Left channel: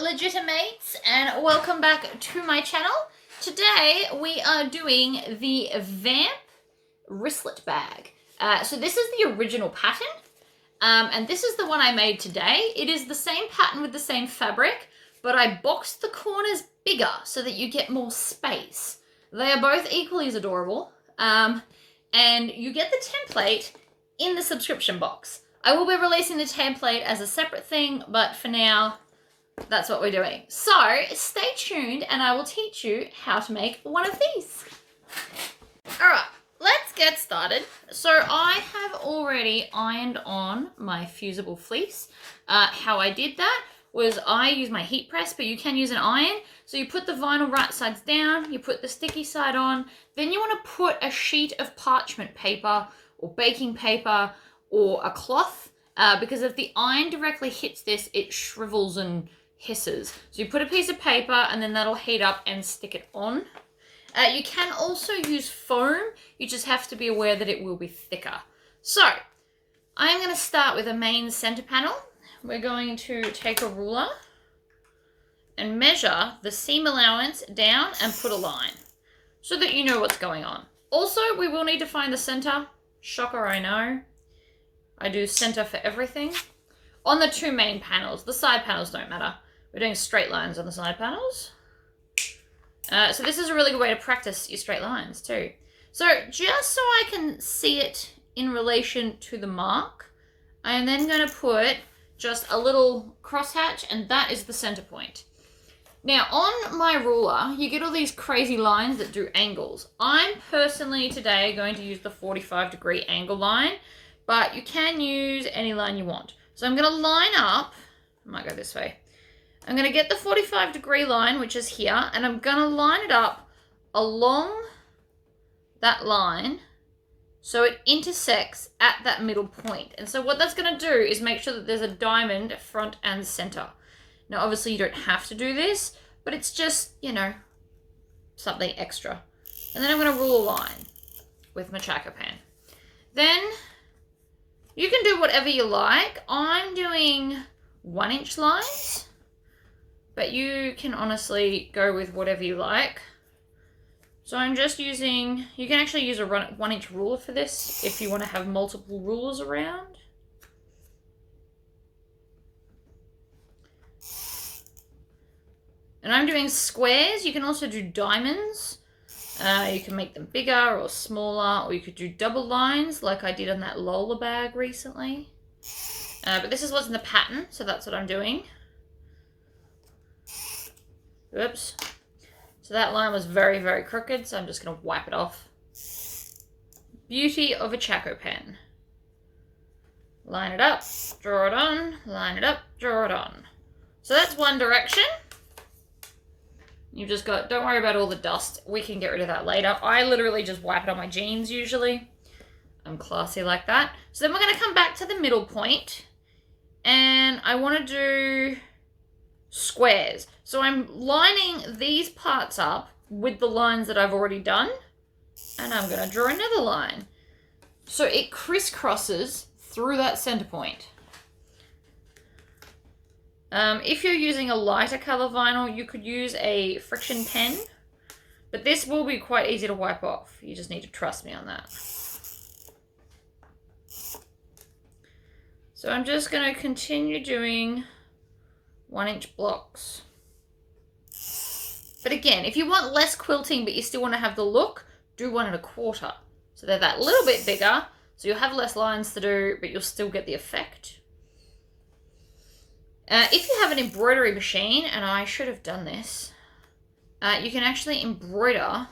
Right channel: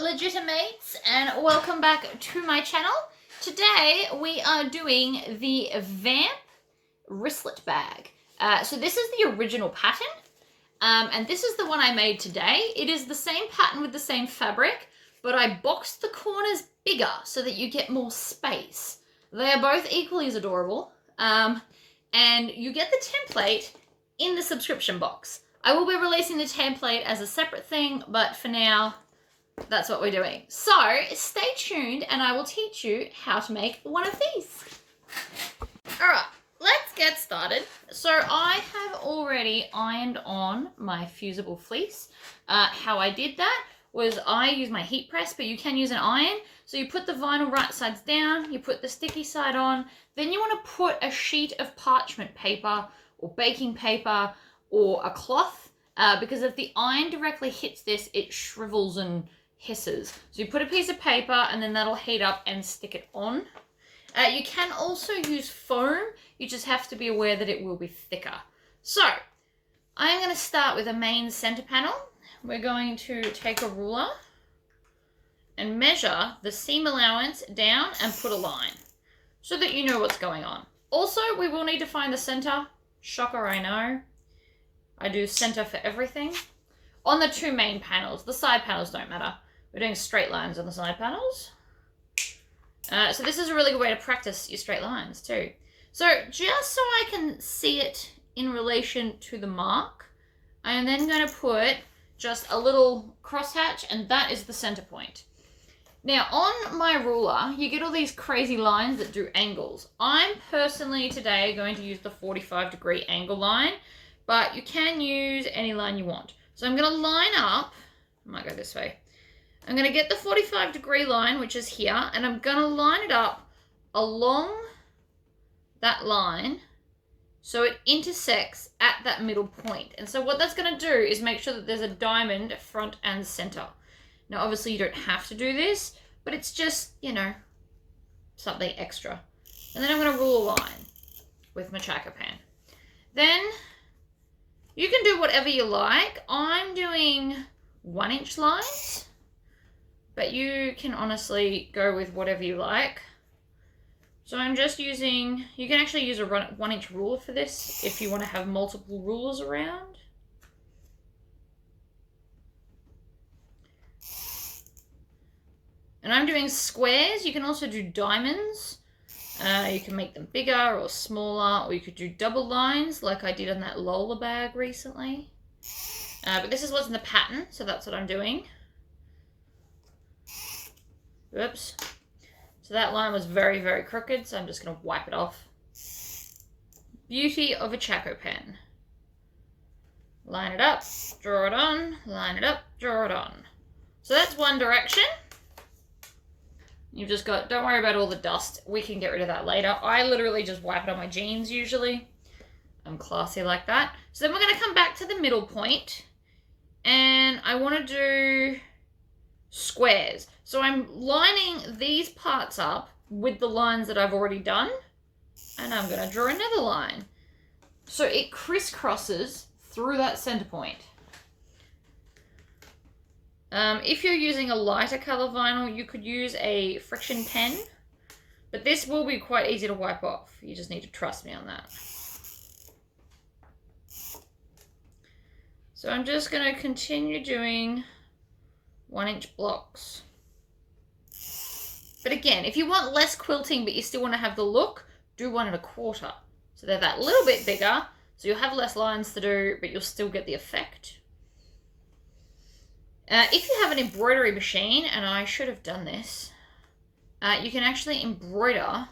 legitimates, and welcome back to my channel. Today we are doing the Vamp wristlet bag. So this is the original pattern, and this is the one I made today. It is the same pattern with the same fabric, but I boxed the corners bigger so that you get more space. They are both equally as adorable, and you get the template in the subscription box. I will be releasing the template as a separate thing, but for now, that's what we're doing. So stay tuned and I will teach you how to make one of these. All right, let's get started. So I have already ironed on my fusible fleece. How I did that was I used my heat press, but you can use an iron. So you put the vinyl right sides down, you put the sticky side on, then you want to put a sheet of parchment paper or baking paper or a cloth, because if the iron directly hits this, it shrivels and hisses. So you put a piece of paper and then that'll heat up and stick it on. You can also use foam, you just have to be aware that it will be thicker. So I'm going to start with a main center panel. We're going to take a ruler and measure the seam allowance down and put a line so that you know what's going on. Also, we will need to find the center. Shocker, I know. I do center for everything. On the two main panels, the side panels don't matter. We're doing straight lines on the side panels. So this is a really good way to practice your straight lines too. So just so I can see it in relation to the mark, I am then going to put just a little crosshatch, and that is the center point. Now on my ruler, you get all these crazy lines that do angles. I'm personally today going to use the 45-degree angle line, but you can use any line you want. So I'm going to line up, I might go this way. I'm going to get the 45-degree line, which is here, and I'm going to line it up along that line so it intersects at that middle point. And so what that's going to do is make sure that there's a diamond front and center. Now, obviously you don't have to do this, but it's just, you know, something extra. And then I'm going to rule a line with my tracker pen. Then you can do whatever you like. I'm doing 1-inch lines, but you can honestly go with whatever you like. So I'm just using, you can actually use a 1-inch ruler for this if you want to have multiple rulers around. And I'm doing squares. You can also do diamonds. You can make them bigger or smaller, or you could do double lines like I did on that Lola bag recently. But this is what's in the pattern, so that's what I'm doing. Oops. So that line was very, very crooked, so I'm just going to wipe it off. Beauty of a Chaco pen. Line it up, draw it on, line it up, draw it on. So that's one direction. You've just got, don't worry about all the dust. We can get rid of that later. I literally just wipe it on my jeans usually. I'm classy like that. So then we're going to come back to the middle point. And I want to do squares. So I'm lining these parts up with the lines that I've already done. And I'm going to draw another line. So it crisscrosses through that center point. If you're using a lighter color vinyl, you could use a friction pen, but this will be quite easy to wipe off. You just need to trust me on that. So I'm just going to continue doing 1-inch blocks. But again, if you want less quilting, but you still want to have the look, do 1 1/4. So they're that little bit bigger, so you'll have less lines to do, but you'll still get the effect. If you have an embroidery machine, and I should have done this, you can actually embroider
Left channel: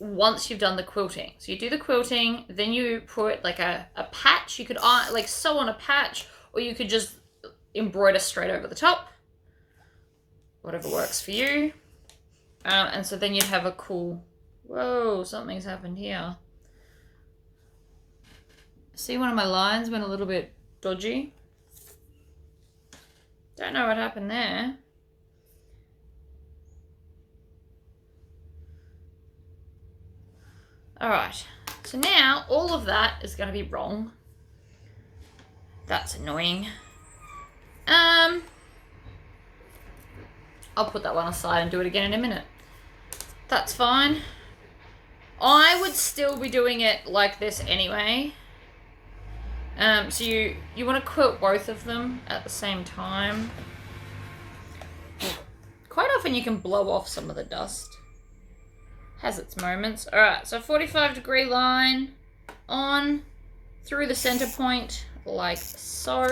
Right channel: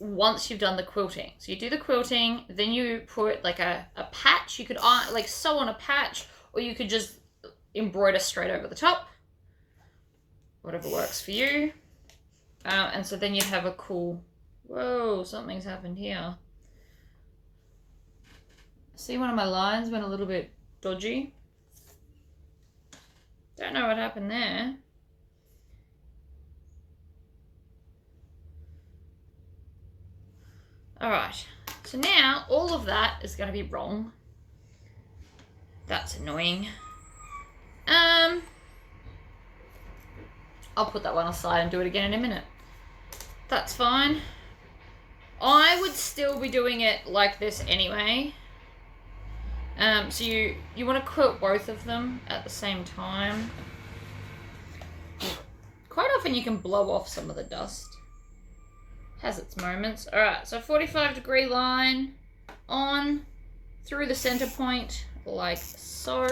once you've done the quilting. So you do the quilting, then you put like a patch. You could like sew on a patch, or you could just embroider straight over the top. Whatever works for you. And so then you'd have a cool, whoa, something's happened here. See, one of my lines went a little bit dodgy. Don't know what happened there. Alright, so now all of that is going to be wrong. That's annoying. I'll put that one aside and do it again in a minute. That's fine. I would still be doing it like this anyway. So you want to quilt both of them at the same time. Quite often you can blow off some of the dust. Has its moments. Alright, so 45-degree line on through the center point like so.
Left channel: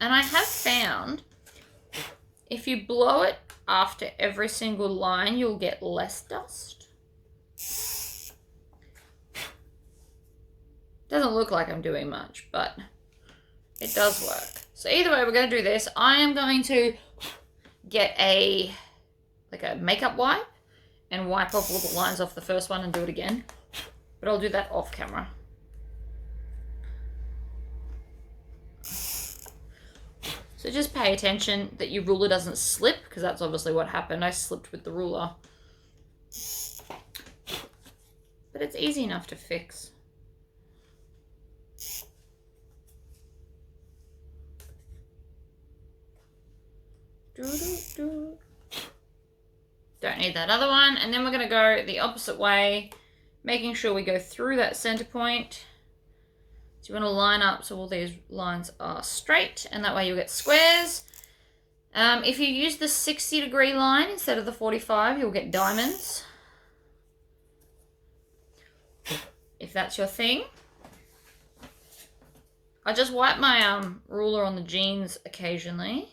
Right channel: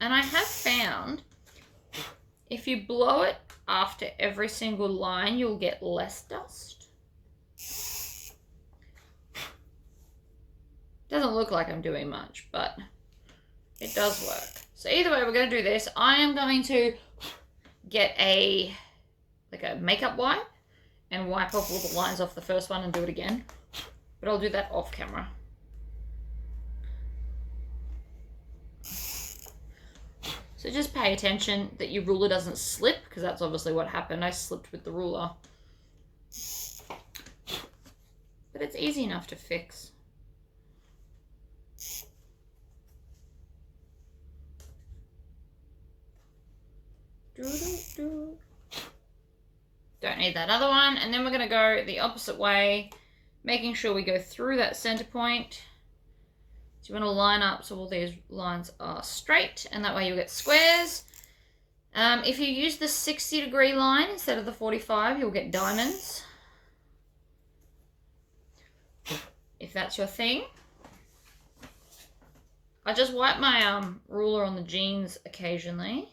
And I have found if you blow it after every single line, you'll get less dust. Doesn't look like I'm doing much, but it does work. So either way, we're going to do this. I am going to get a makeup wipe and wipe off all the lines off the first one and do it again. But I'll do that off camera. So just pay attention that your ruler doesn't slip, because that's obviously what happened. I slipped with the ruler. But it's easy enough to fix. Don't need that other one. And then we're going to go the opposite way, making sure we go through that center point. So you want to line up so all these lines are straight, and that way you'll get squares. If you use the 60-degree line instead of the 45, you'll get diamonds. If that's your thing. I just wipe my ruler on the jeans occasionally.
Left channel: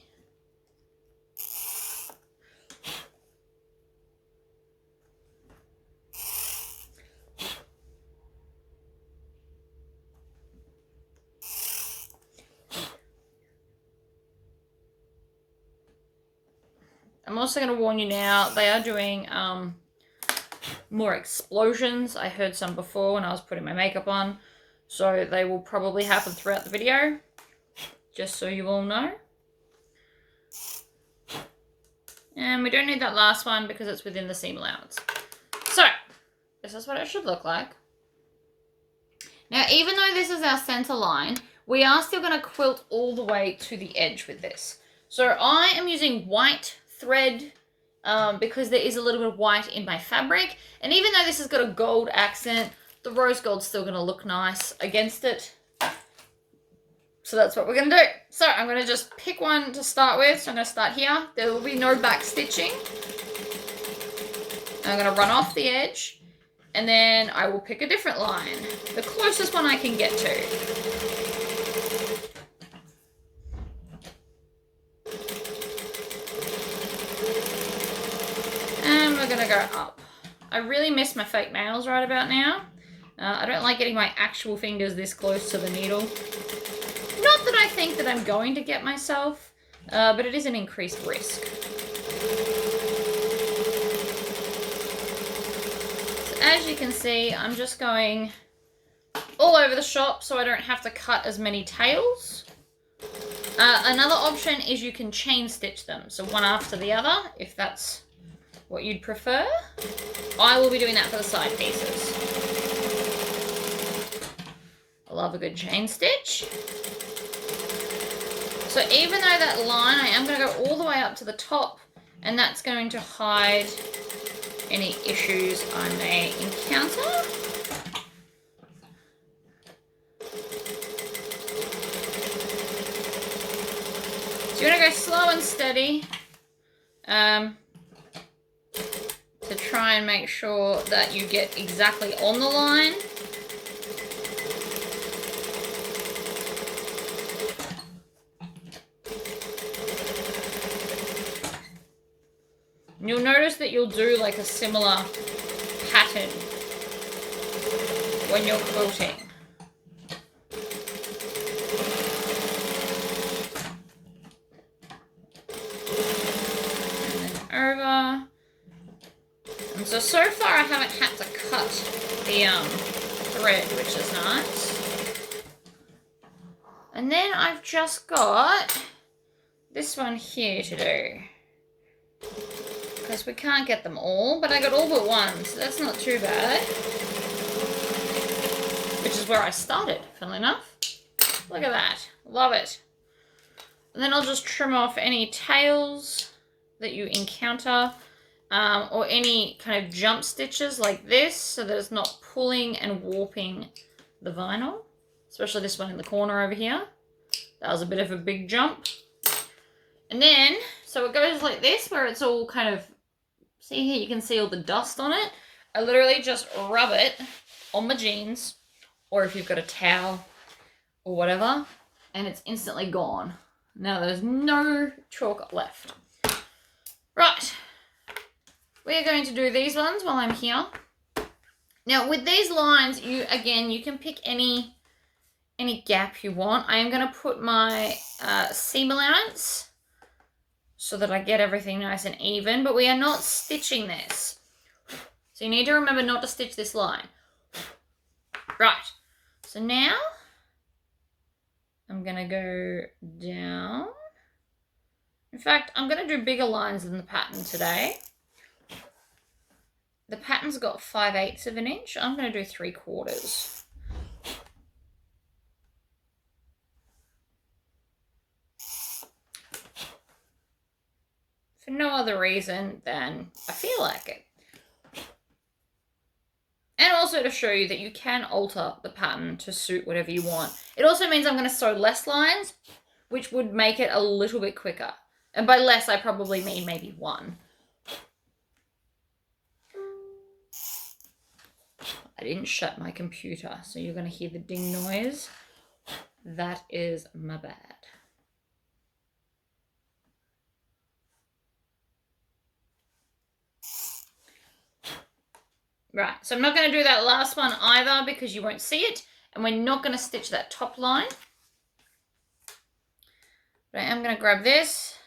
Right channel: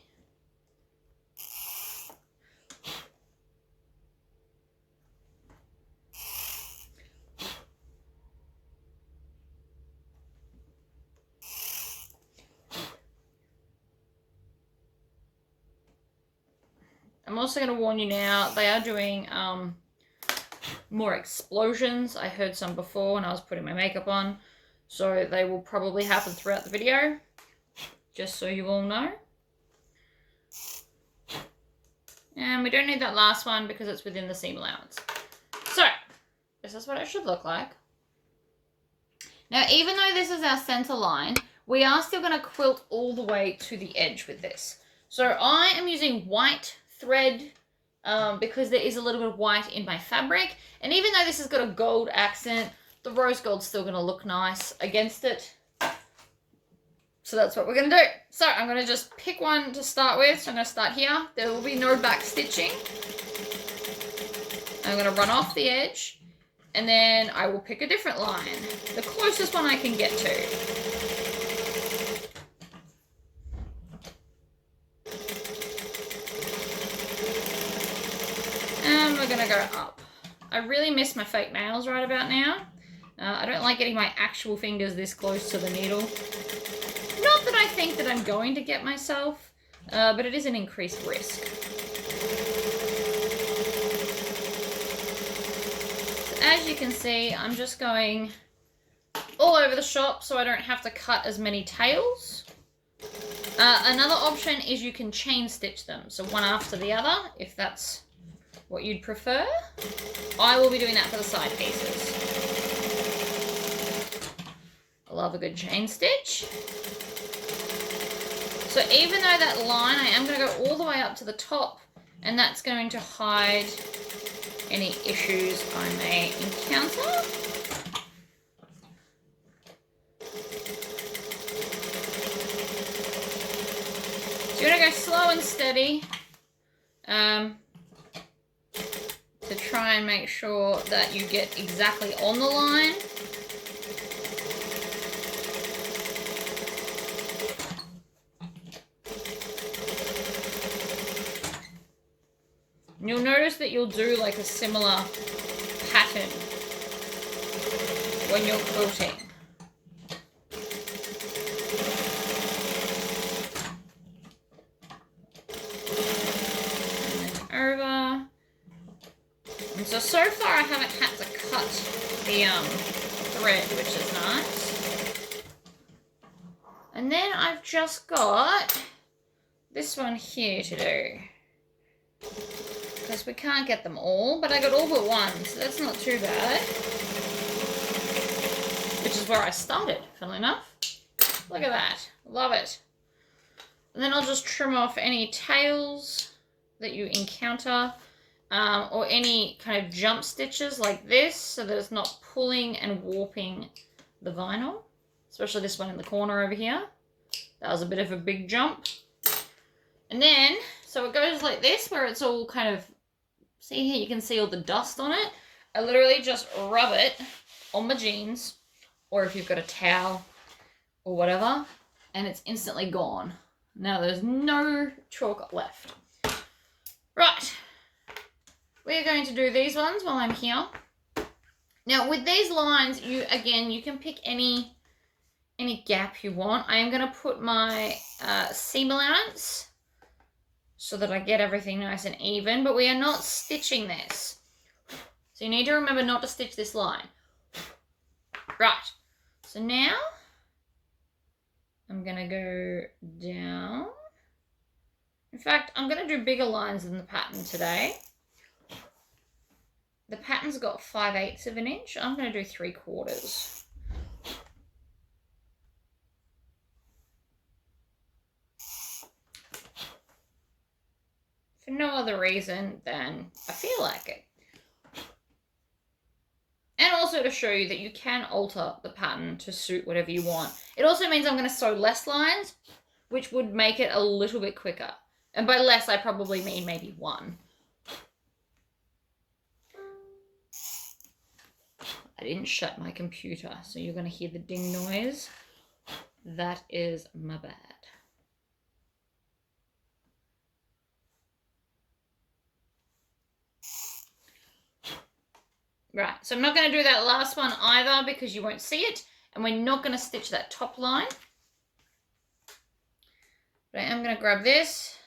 I'm also going to warn you now, they are doing more explosions. I heard some before when I was putting my makeup on. So they will probably happen throughout the video. Just so you all know. And we don't need that last one because it's within the seam allowance. So, this is what it should look like. Now, even though this is our center line, we are still going to quilt all the way to the edge with this. So I am using white thread because there is a little bit of white in my fabric, and even though this has got a gold accent, the rose gold's still going to look nice against it. So that's what we're going to do. So I'm going to just pick one to start with. So I'm going to start here. There will be no back stitching. I'm going to run off the edge, and then I will pick a different line, the closest one I can get to. We're gonna go up. I really miss my fake nails right about now. I don't like getting my actual fingers this close to the needle. Not that I think that I'm going to get myself, but it is an increased risk. So as you can see, I'm just going all over the shop so I don't have to cut as many tails. Another option is you can chain stitch them, so one after the other, if that's what you'd prefer. I will be doing that for the side pieces. I love a good chain stitch. So even though that line, I am going to go all the way up to the top, and that's going to hide any issues I may encounter. So you want to go slow and steady. To try and make sure that you get exactly on the line. And you'll notice that you'll do like a similar pattern when you're quilting. And then over. So far I haven't had to cut the thread, which is nice. And then I've just got this one here to do. Because we can't get them all, but I got all but one, so that's not too bad. Which is where I started, funnily enough. Look at that. Love it. And then I'll just trim off any tails that you encounter, or any kind of jump stitches like this, so that it's not pulling and warping the vinyl, especially this one in the corner over here. That was a bit of a big jump. And then, so it goes like this, where it's all kind of, see here, you can see all the dust on it. I literally just rub it on my jeans, or if you've got a towel or whatever, and it's instantly gone. Now there's no chalk left. Right, we're going to do these ones while I'm here. Now with these lines, you can pick any gap you want. I am going to put my seam allowance so that I get everything nice and even, but we are not stitching this. So you need to remember not to stitch this line. Right, so now I'm going to go down. In fact, I'm going to do bigger lines than the pattern today. The pattern's got 5/8 of an inch. I'm going to do 3/4. For no other reason than I feel like it. And also to show you that you can alter the pattern to suit whatever you want. It also means I'm going to sew less lines, which would make it a little bit quicker. And by less, I probably mean maybe one. I didn't shut my computer, so you're going to hear the ding noise. That is my bad. Right, so I'm not going to do that last one either because you won't see it, and we're not going to stitch that top line. But I am going to grab this.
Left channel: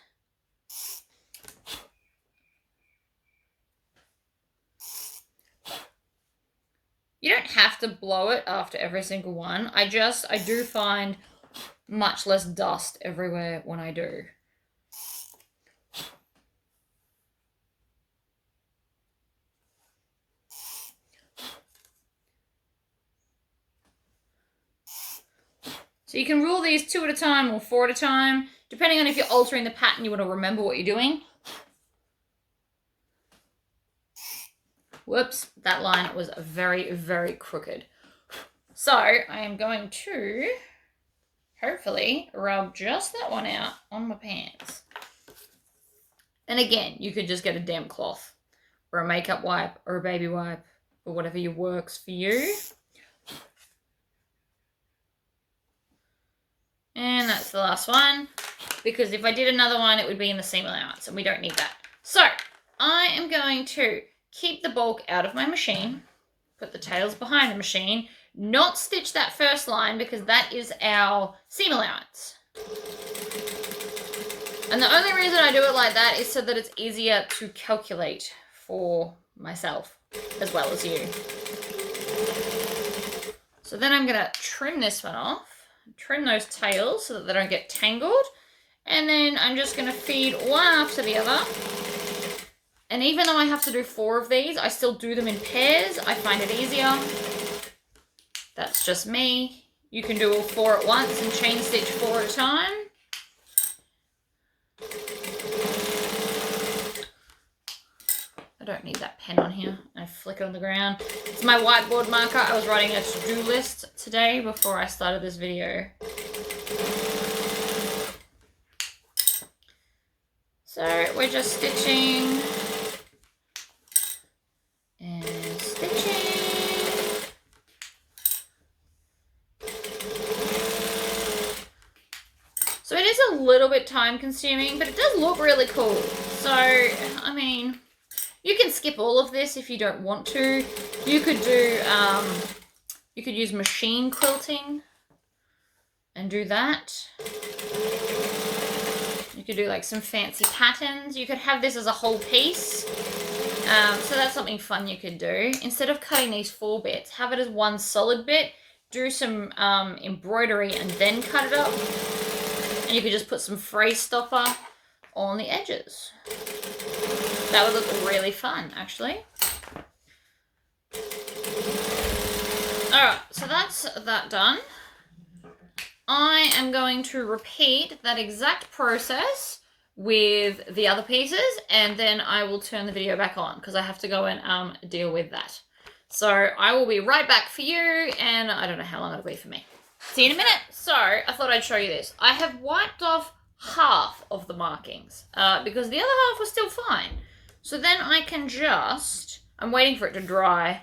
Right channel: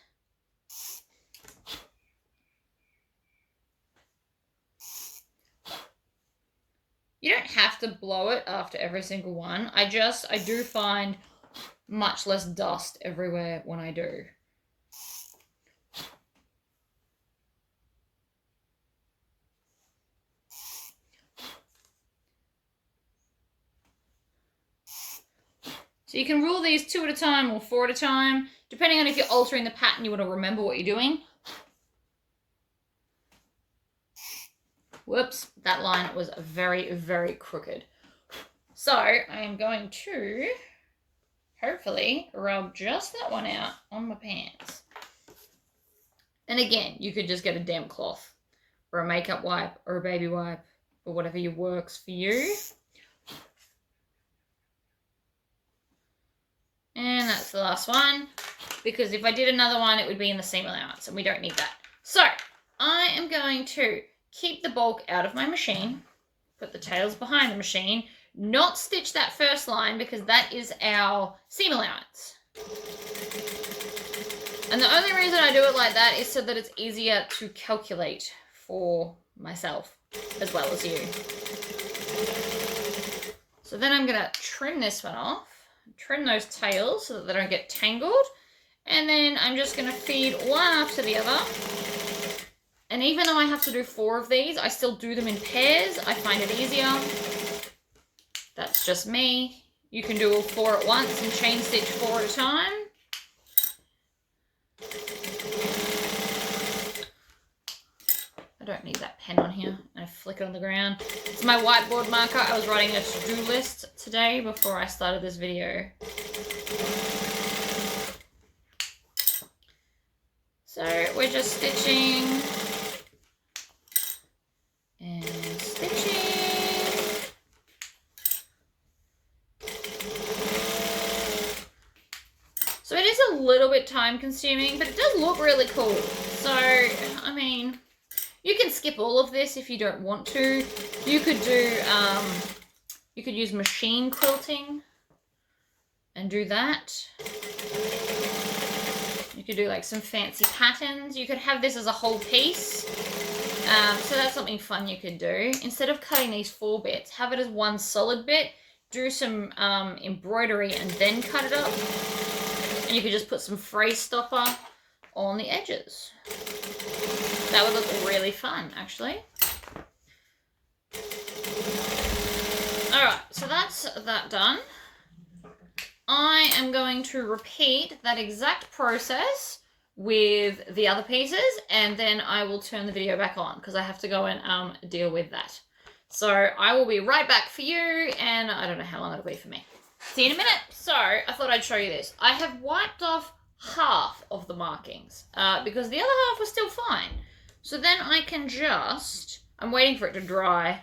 You don't have to blow it after every single one. I do find much less dust everywhere when I do. So you can rule these 2 at a time or 4 at a time, depending on if you're altering the pattern, you want to remember what you're doing. Whoops, that line was very, very crooked. So I am going to hopefully rub just that one out on my pants. And again, you could just get a damp cloth or a makeup wipe or a baby wipe or whatever works for you. And that's the last one, because if I did another one, it would be in the seam allowance, and we don't need that. So I am going to keep the bulk out of my machine, put the tails behind the machine, not stitch that first line because that is our seam allowance. And the only reason I do it like that is so that it's easier to calculate for myself as well as you. So then I'm going to trim this one off. Trim those tails so that they don't get tangled, and then I'm just going to feed one after the other. And even though I have to do 4 of these, I still do them in pairs. I find it easier. That's just me. You can do all 4 at once and chain stitch 4 at a time. I don't need that pen on here. I flick it on the ground. It's my whiteboard marker. I was writing a to-do list today before I started this video. So we're just stitching and stitching. So it is a little bit time consuming, but it does look really cool. So, I mean, you can skip all of this if you don't want to. You could do, you could use machine quilting and do that. You could do like some fancy patterns. You could have this as a whole piece. So that's something fun you could do. Instead of cutting these 4 bits, have it as one solid bit. Do some embroidery and then cut it up. And you could just put some phrase stopper on the edges. That would look really fun, actually. Alright, so that's that done. I am going to repeat that exact process with the other pieces, and then I will turn the video back on because I have to go and deal with that. So I will be right back for you, and I don't know how long it'll be for me. See you in a minute. So I thought I'd show you this. I have wiped off half of the markings because the other half was still fine. So then I can just, I'm waiting for it to dry.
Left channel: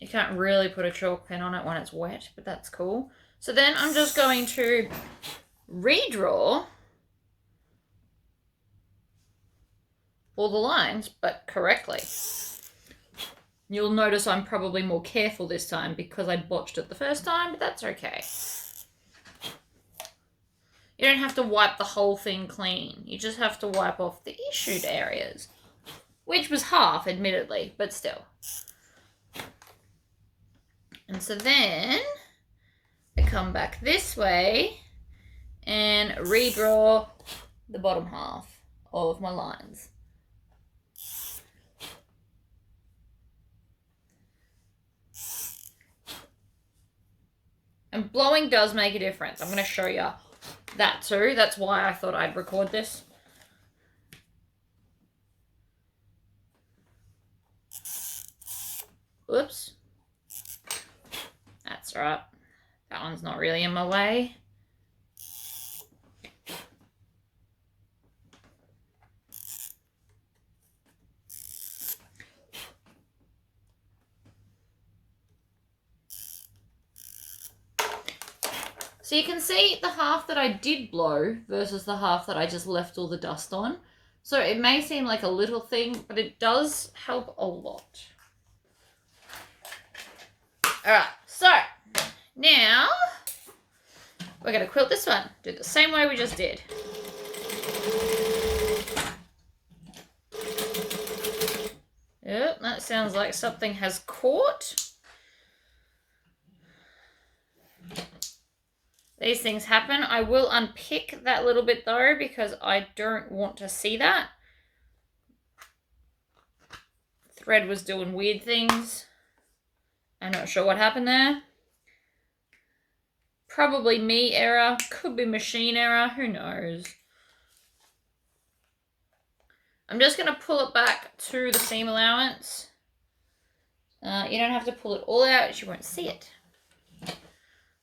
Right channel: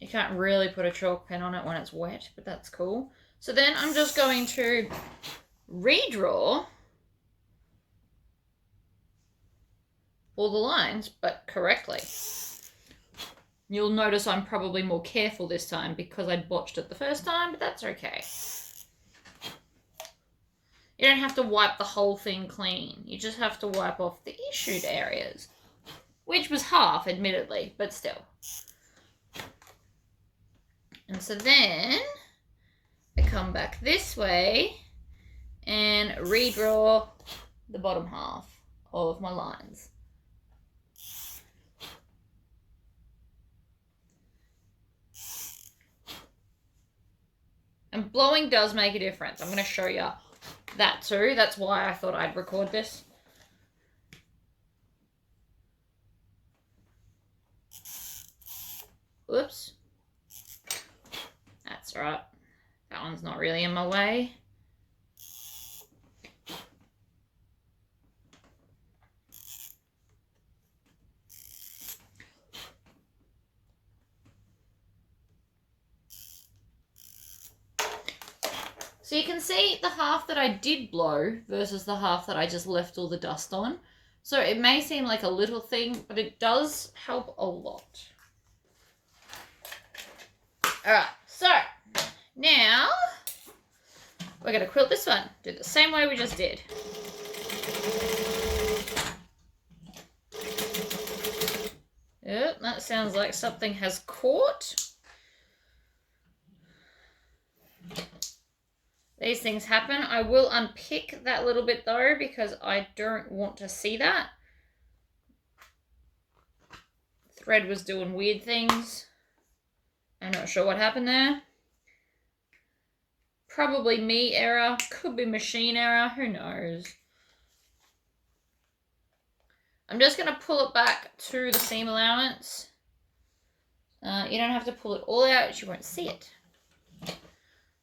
You can't really put a chalk pen on it when it's wet, but that's cool. So then I'm just going to redraw all the lines, but correctly. You'll notice I'm probably more careful this time because I botched it the first time, but that's okay. You don't have to wipe the whole thing clean. You just have to wipe off the issued areas, which was half, admittedly, but still. And so then I come back this way and redraw the bottom half of my lines. And blowing does make a difference. I'm going to show you that too. That's why I thought I'd record this. Oops. That's right. That one's not really in my way. So you can see the half that I did blow versus the half that I just left all the dust on. So it may seem like a little thing, but it does help a lot. All right, so now we're going to quilt this one. Do it the same way we just did. Yep, that sounds like something has caught. These things happen. I will unpick that little bit though because I don't want to see that. Thread was doing weird things. I'm not sure what happened there. Probably me error. Could be machine error. Who knows? I'm just going to pull it back to the seam allowance. You don't have to pull it all out. You won't see it.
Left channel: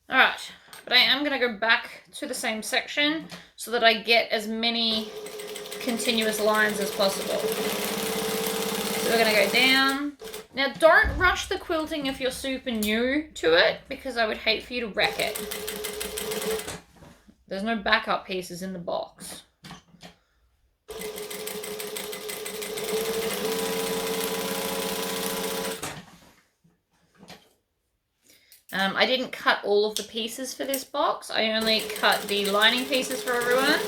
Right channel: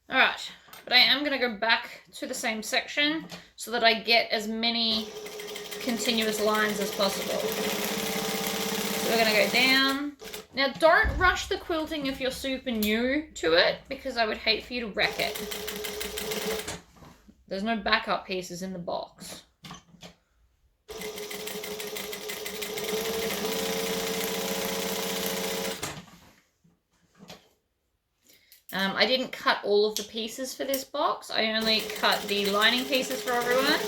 Alright. But I am going to go back to the same section so that I get as many continuous lines as possible. So we're going to go down. Now don't rush the quilting if you're super new to it because I would hate for you to wreck it. There's no backup pieces in the box. I didn't cut all of the pieces for this box. I only cut the lining pieces for everyone.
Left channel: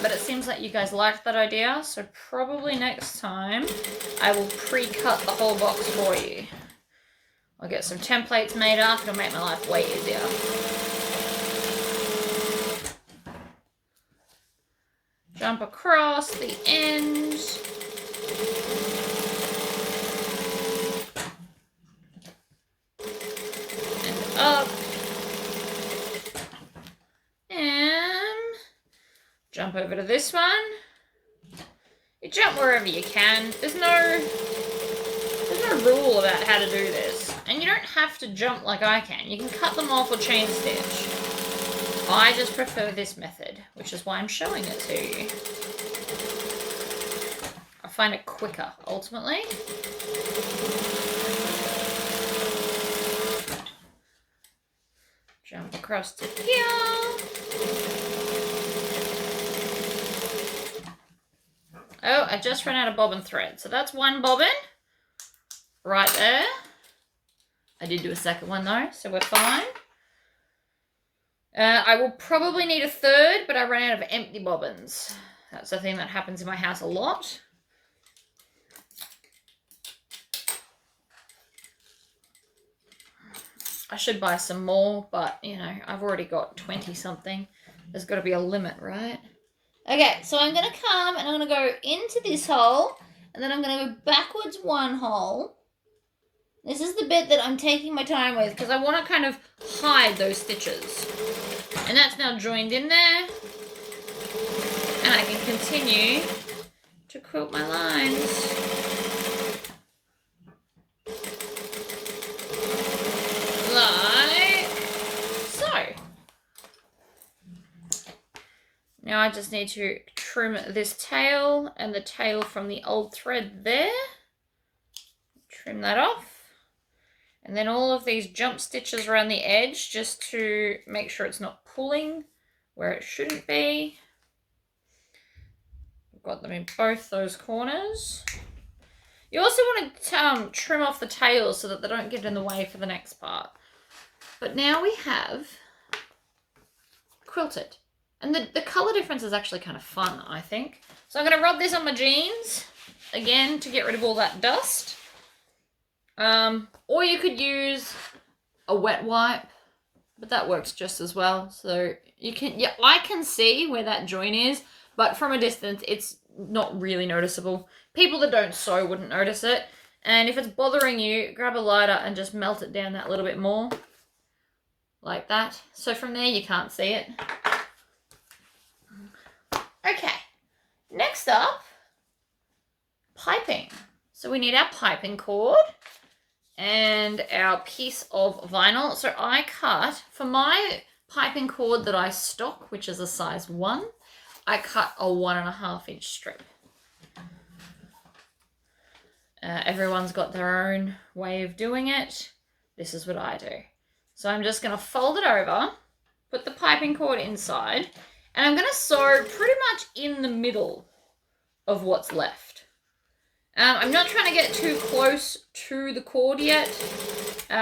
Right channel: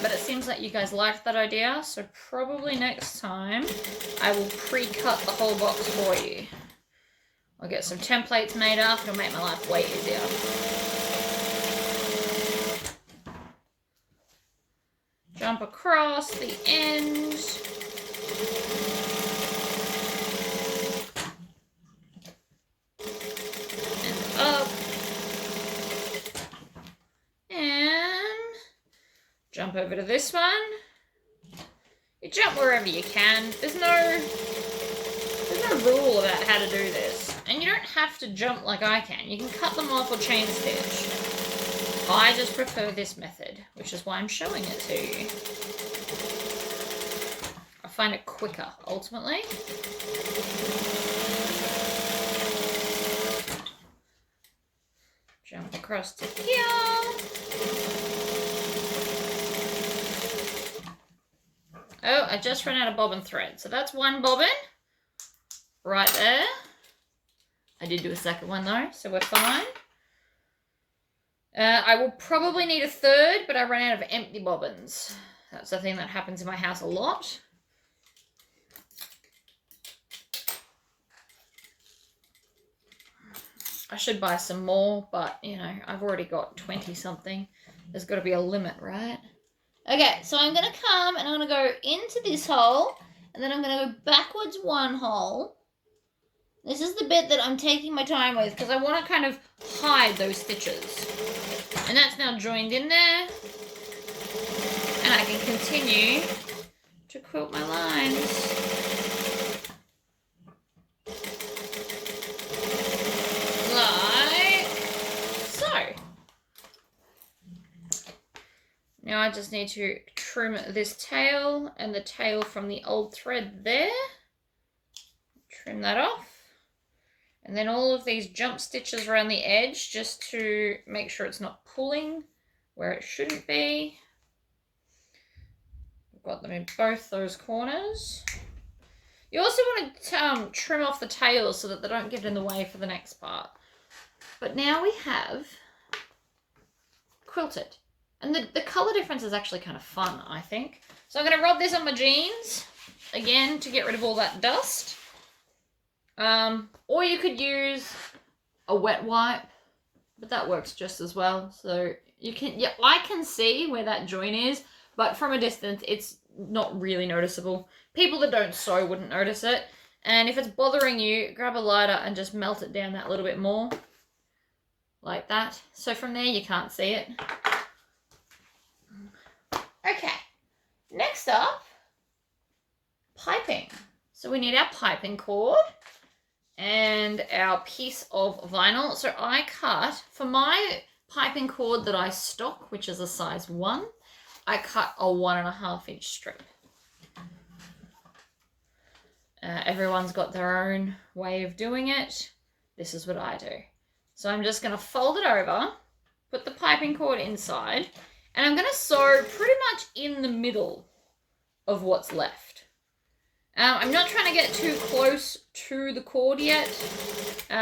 But it seems like you guys liked that idea. So probably next time I will pre-cut the whole box for you. I'll get some templates made up. It'll make my life way easier. Jump across the end. Up and jump over to this one. You jump wherever you can. There's no rule about how to do this, and you don't have to jump like I can. You can cut them off or chain stitch. I just prefer this method, which is why I'm showing it to you. I find it quicker ultimately. Jump across to here. Oh, I just ran out of bobbin thread. So that's one bobbin right there. I did do a second one though, so we're fine. I will probably need a third, but I ran out of empty bobbins. That's the thing that happens in my house a lot. I should buy some more, but, you know, I've already got 20 something. There's got to be a limit, right? Okay, so I'm going to come and I'm going to go into this hole, and then I'm going to go backwards one hole, This is the bit that I'm taking my time with because I want to kind of hide those stitches. And that's now joined in there. And I can continue to quilt my lines. Like so. Now I just need to trim this tail and the tail from the old thread there. Trim that off. And then all of these jump stitches around the edge just to make sure it's not pulling where it shouldn't be. I've got them in both those corners. You also want to trim off the tails so that they don't get in the way for the next part. But now we have quilted. And the colour difference is actually kind of fun, I think. So I'm going to rub this on my jeans, again, to get rid of all that dust. Or you could use a wet wipe, but that works just as well. So you can, yeah, I can see where that join is, but from a distance, it's not really noticeable. People that don't sew wouldn't notice it. And if it's bothering you, grab a lighter and just melt it down that little bit more. Like that. So from there, you can't see it. Okay. Next up, piping. So we need our piping cord and our piece of vinyl. So I cut, for my piping cord that I stock, which is a size 1, I cut a 1.5 inch strip. Everyone's got their own way of doing it. This is what I do. So I'm just going to fold it over, put the piping cord inside, and I'm going to sew pretty much in the middle of what's left. I'm not trying to get too close to the cord yet,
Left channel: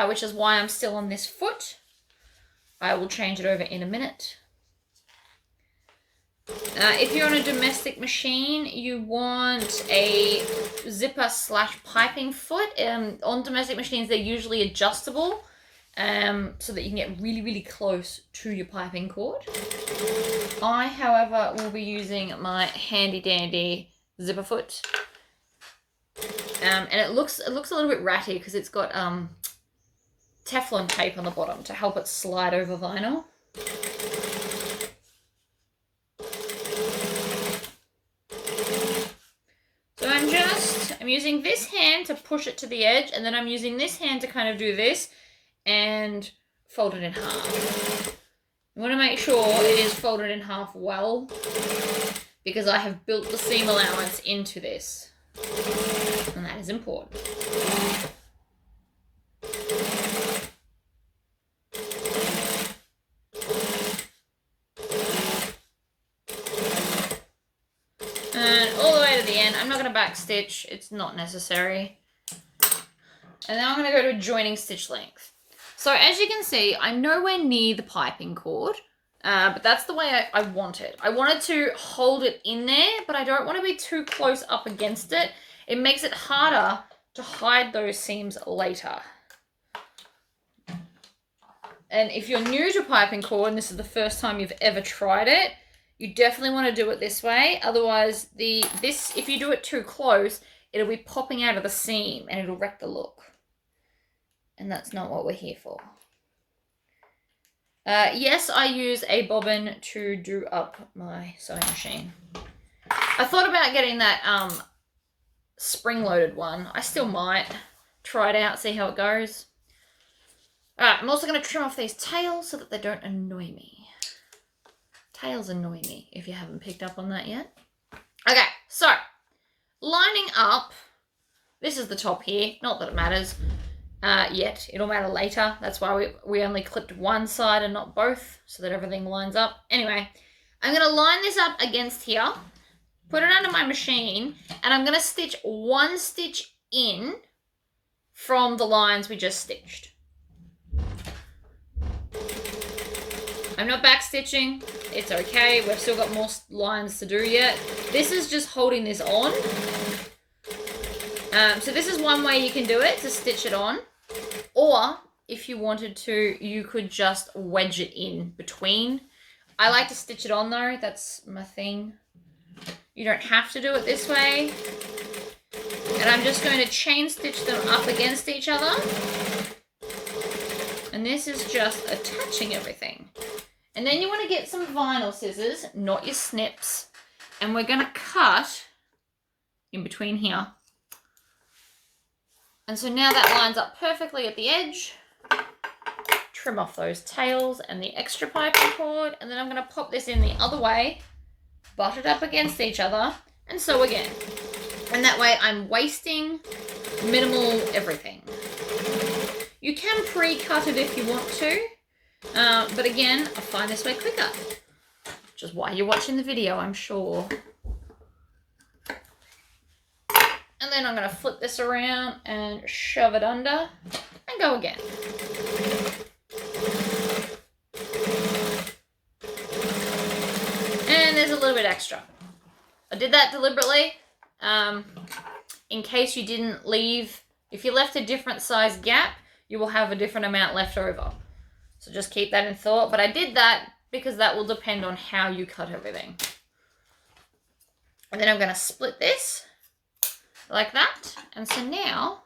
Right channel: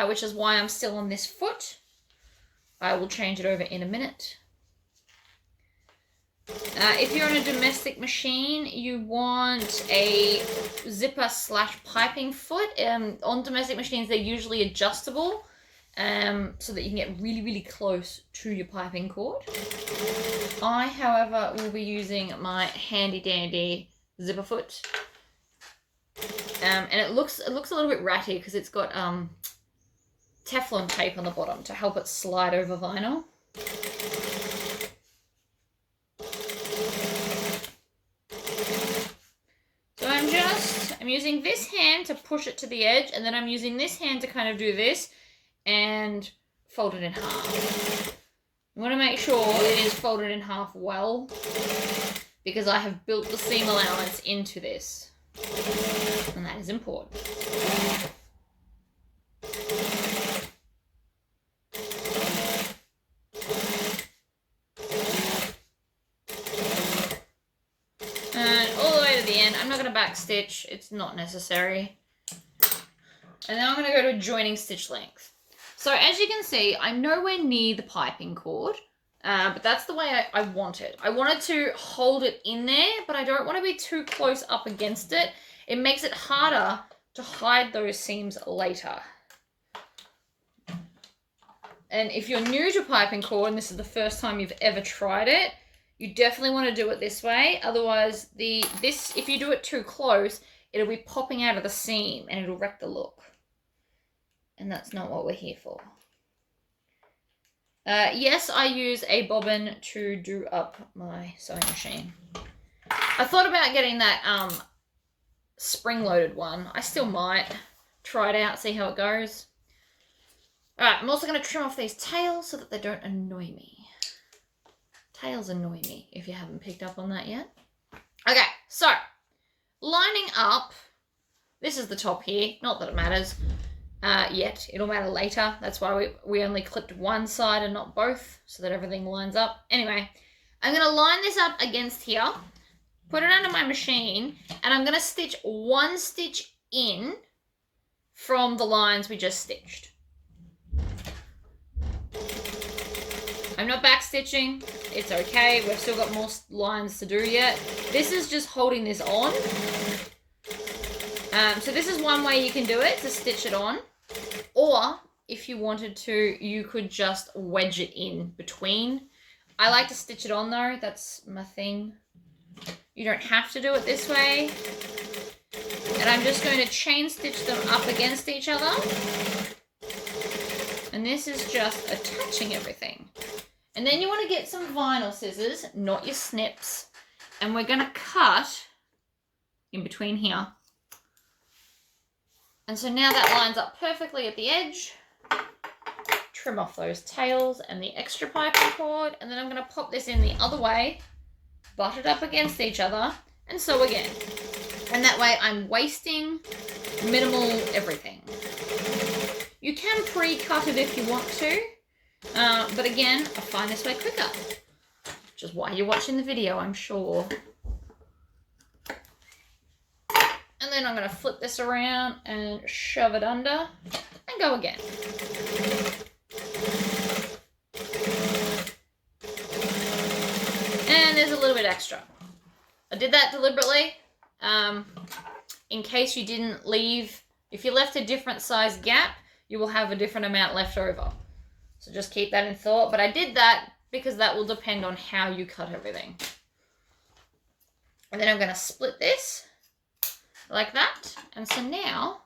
which is why I'm still on this foot. I will change it over in a minute. If you're on a domestic machine, you want a zipper / piping foot. On domestic machines, they're usually adjustable, so that you can get really, really close to your piping cord. I, however, will be using my handy dandy zipper foot. And it looks a little bit ratty because it's got Teflon tape on the bottom to help it slide over vinyl. So I'm using this hand to push it to the edge, and then I'm using this hand to kind of do this and fold it in half. You want to make sure it is folded in half well, because I have built the seam allowance into this, and that is important. And all the way to the end. I'm not going to back stitch, it's not necessary. And then I'm going to go to joining stitch length. So as you can see, I'm nowhere near the piping cord, but that's the way I want it. I wanted to hold it in there, but I don't want to be too close up against it. It makes it harder to hide those seams later. And if you're new to piping cord and this is the first time you've ever tried it, you definitely want to do it this way. Otherwise, if you do it too close, it'll be popping out of the seam and it'll wreck the look. And that's not what we're here for. Yes, I use a bobbin to do up my sewing machine. I thought about getting that spring-loaded one. I still might try it out, see how it goes. Alright, I'm also going to trim off these tails so that they don't annoy me. Tails annoy me, if you haven't picked up on that yet. Okay, so, lining up, this is the top here, not that it matters yet, it'll matter later. That's why we only clipped one side and not both, so that everything lines up. Anyway, I'm going to line this up against here, put it under my machine, and I'm going to stitch one stitch in from the lines we just stitched. I'm not back stitching, it's okay, we've still got more lines to do yet. This is just holding this on. So this is one way you can do it, to stitch it on. Or, if you wanted to, you could just wedge it in between. I like to stitch it on though, that's my thing. You don't have to do it this way. And And I'm just going to chain stitch them up against each other. And this is just attaching everything. And then you want to get some vinyl scissors, not your snips. And we're going to cut in between here. And so now that lines up perfectly at the edge. Trim off those tails and the extra piping cord. And then I'm going to pop this in the other way, butt it up against each other, and sew again. And that way I'm wasting minimal everything. You can pre-cut it if you want to, but again, I find this way quicker. Which is why you're watching the video, I'm sure. And then I'm going to flip this around and shove it under and go again. And there's a little bit extra. I did that deliberately in case you didn't leave. If you left a different size gap, you will have a different amount left over. So just keep that in thought. But I did that because that will depend on how you cut everything. And then I'm going to split this like that. And so now,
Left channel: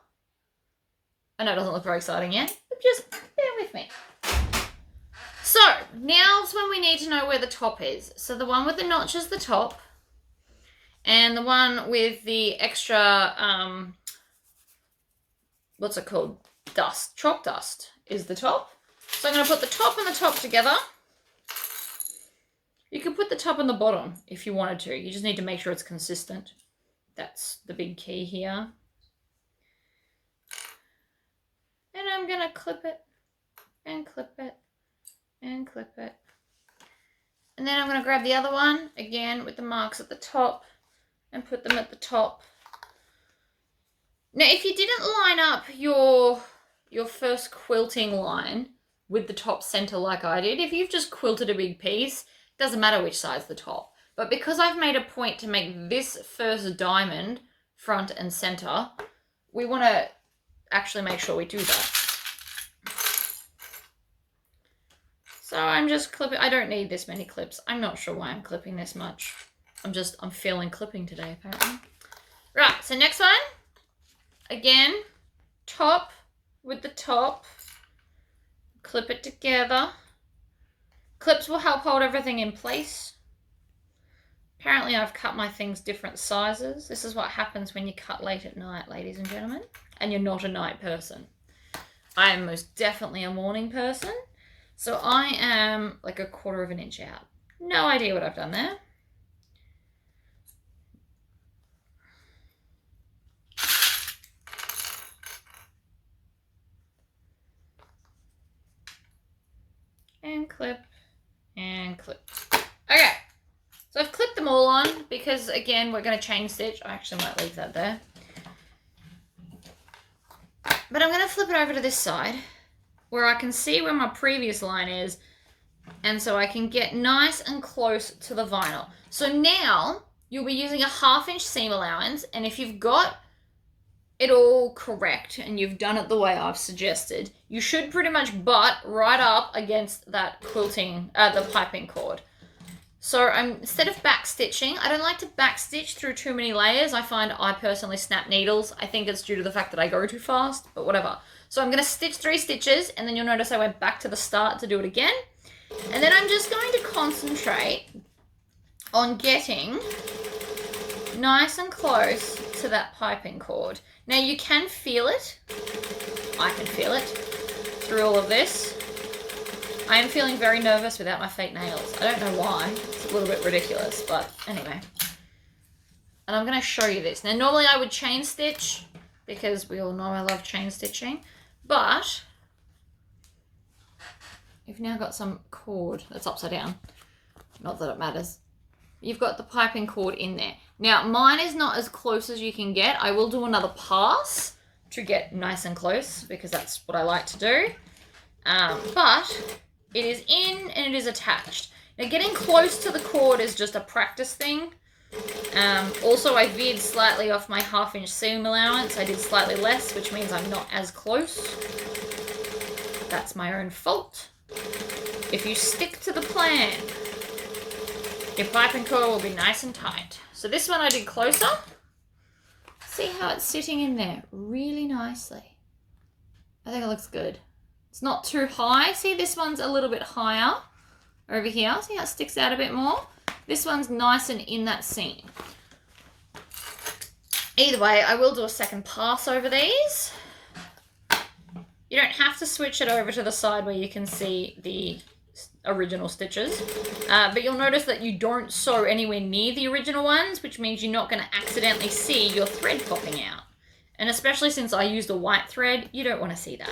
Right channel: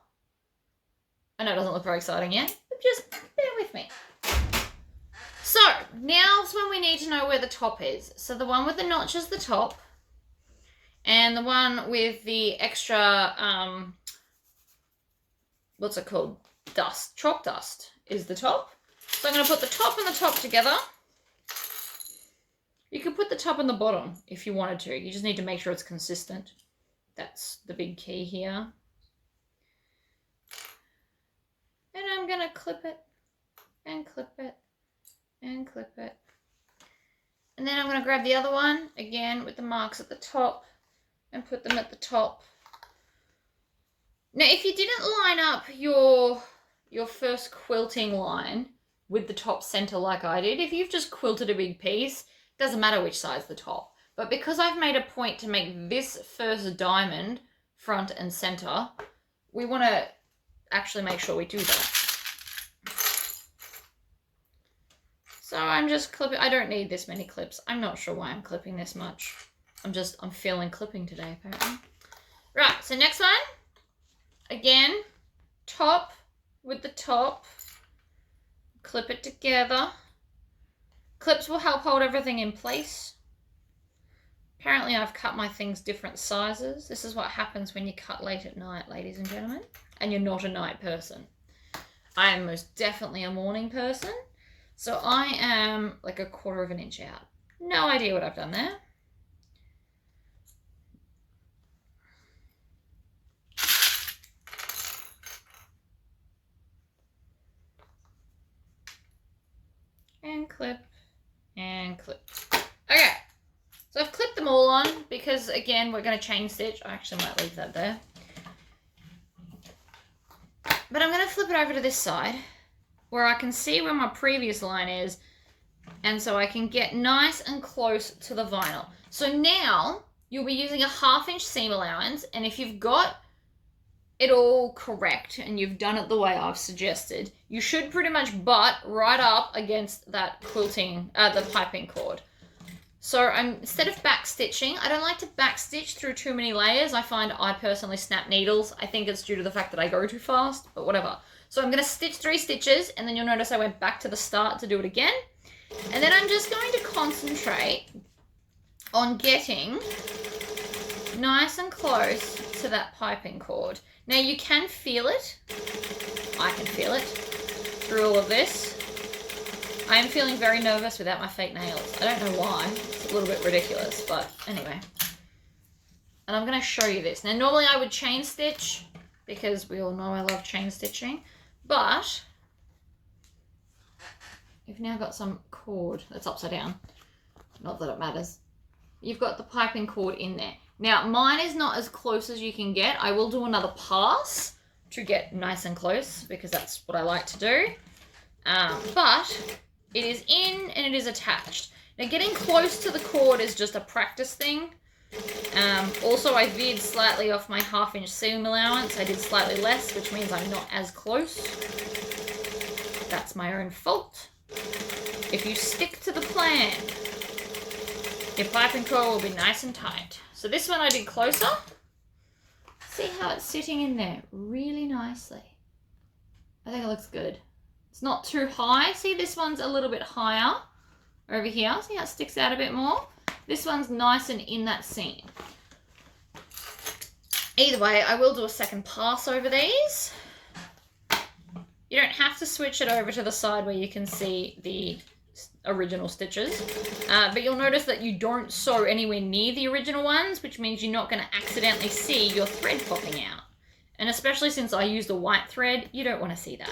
I know it doesn't look very exciting yet, but just bear with me. So now's when we need to know where the top is. So the one with the notch is the top. And the one with the extra, what's it called? Dust, chalk dust is the top. So I'm going to put the top and the top together. You could put the top and the bottom if you wanted to. You just need to make sure it's consistent. That's the big key here. And I'm going to clip it and clip it and clip it. And then I'm going to grab the other one, again with the marks at the top, and put them at the top. Now, if you didn't line up your first quilting line with the top center like I did, if you've just quilted a big piece, it doesn't matter which side's the top. But because I've made a point to make this first diamond front and center, we want to actually make sure we do that. So I'm just clipping. I don't need this many clips. I'm not sure why I'm clipping this much. I'm feeling clipping today, apparently. Right, so next one. Again, top with the top. Clip it together. Clips will help hold everything in place. Apparently I've cut my things different sizes. This is what happens when you cut late at night, ladies and gentlemen. And you're not a night person. I am most definitely a morning person. So I am like a 1/4 of an inch out. No idea what I've done there. And clip and clip. Okay, so I've clipped them all on because again we're going to chain stitch. I actually might leave that there, but I'm going to flip it over to this side where I can see where my previous line is, and so I can get nice and close to the vinyl. So now you'll be using a 1/2 inch seam allowance, and if you've got it all correct and you've done it the way I've suggested, you should pretty much butt right up against that quilting, the piping cord. So instead of back stitching, I don't like to back stitch through too many layers. I find I personally snap needles. I think it's due to the fact that I go too fast, but whatever. So I'm going to stitch 3 stitches, and then you'll notice I went back to the start to do it again. And then I'm just going to concentrate on getting nice and close to that piping cord. Now you can feel it. I can feel it through all of this. I am feeling very nervous without my fake nails. I don't know why. It's a little bit ridiculous, but anyway. And I'm going to show you this. Now normally I would chain stitch because we all know I love chain stitching, but you've now got some cord that's upside down. Not that it matters. You've got the piping cord in there. Now, mine is not as close as you can get. I will do another pass to get nice and close because that's what I like to do. But it is in and it is attached. Now, getting close to the cord is just a practice thing. Also, I veered slightly off my 1/2 inch seam allowance. I did slightly less, which means I'm not as close. That's my own fault. If you stick to the plan, your piping cord will be nice and tight. So this one I did closer. See how it's sitting in there really nicely. I think it looks good. It's not too high. See, this one's a little bit higher over here. See how it sticks out a bit more? This one's nice and in that seam. Either way, I will do a second pass over these. You don't have to switch it over to the side where you can see the original stitches, but you'll notice that you don't sew anywhere near the original ones, which means you're not going to accidentally see your thread popping out. And especially since I used a white thread, you don't want to see that.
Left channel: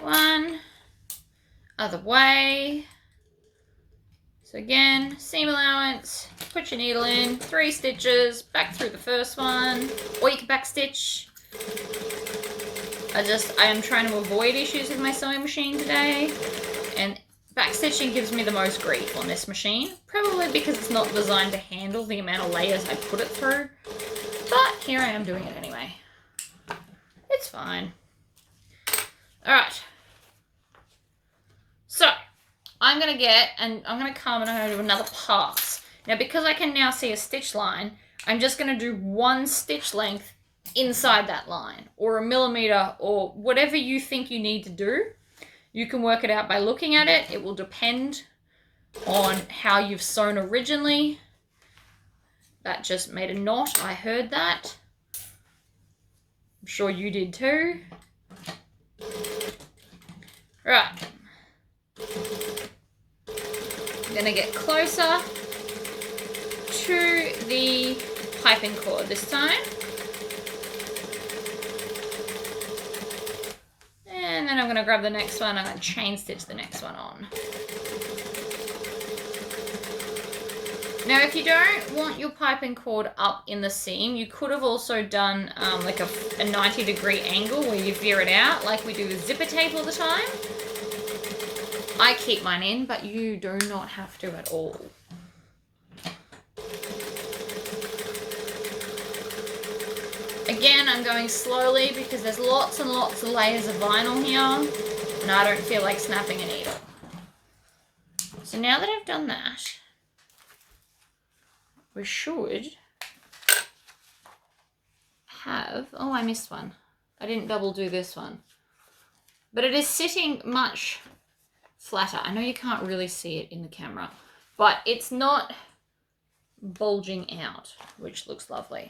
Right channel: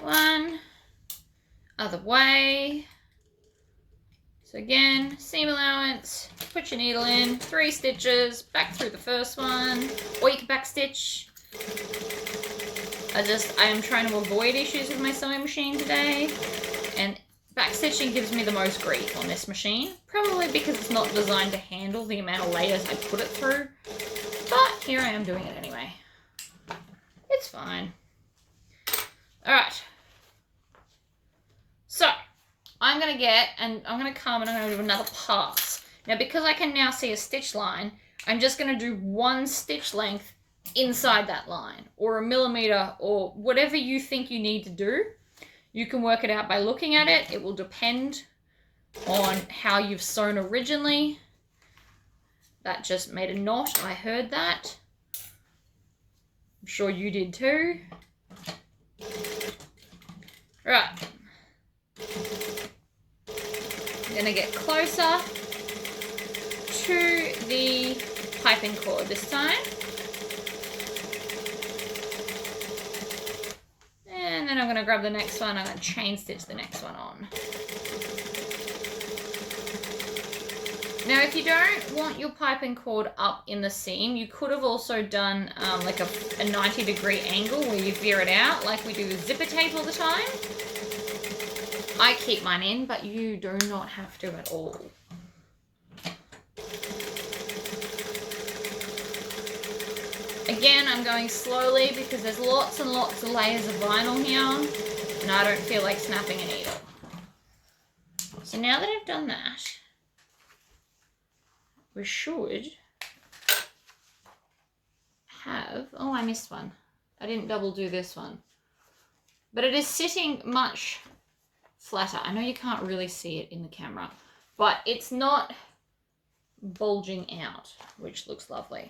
One, other way. So again, seam allowance, put your needle in, 3 stitches, back through the first one, or you can back stitch. I am trying to avoid issues with my sewing machine today, and back stitching gives me the most grief on this machine, probably because it's not designed to handle the amount of layers I put it through, but here I am doing it anyway. It's fine. Alright. So, I'm going to come and I'm going to do another pass. Now, because I can now see a stitch line, I'm just going to do 1 stitch length inside that line, or 1 millimeter, or whatever you think you need to do. You can work it out by looking at it. It will depend on how you've sewn originally. That just made a knot. I heard that. I'm sure you did too. Right. I'm going to get closer to the piping cord this time. And then I'm going to grab the next one. I'm going to chain stitch the next one on. Now, if you don't want your piping cord up in the seam, you could have also done like a 90-degree angle where you veer it out, like we do with zipper tape all the time. I keep mine in, but you do not have to at all. Again, I'm going slowly because there's lots and lots of layers of vinyl here, and I don't feel like snapping a needle. So now that I've done that, we should have, oh, I missed one. I didn't double do this one. But it is sitting much flatter. I know you can't really see it in the camera, but it's not bulging out, which looks lovely.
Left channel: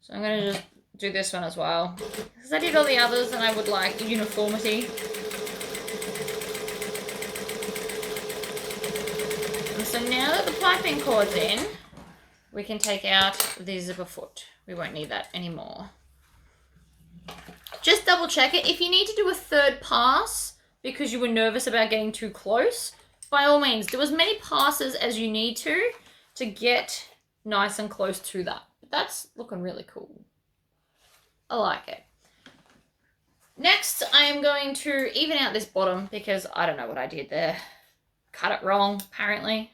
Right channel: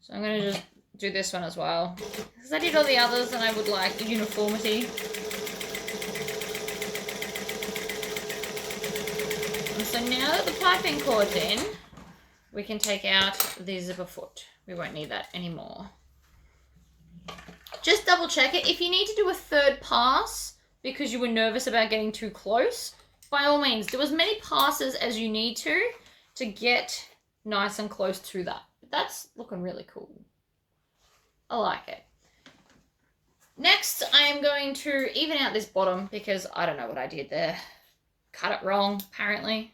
So I'm going to just do this one as well, because I did all the others and I would like uniformity. And so now that the piping cord's in, we can take out the zipper foot. We won't need that anymore. Just double check it. If you need to do a 3rd pass because you were nervous about getting too close, by all means, do as many passes as you need to get nice and close to that. But that's looking really cool. I like it. Next, I am going to even out this bottom because I don't know what I did there. Cut it wrong, apparently.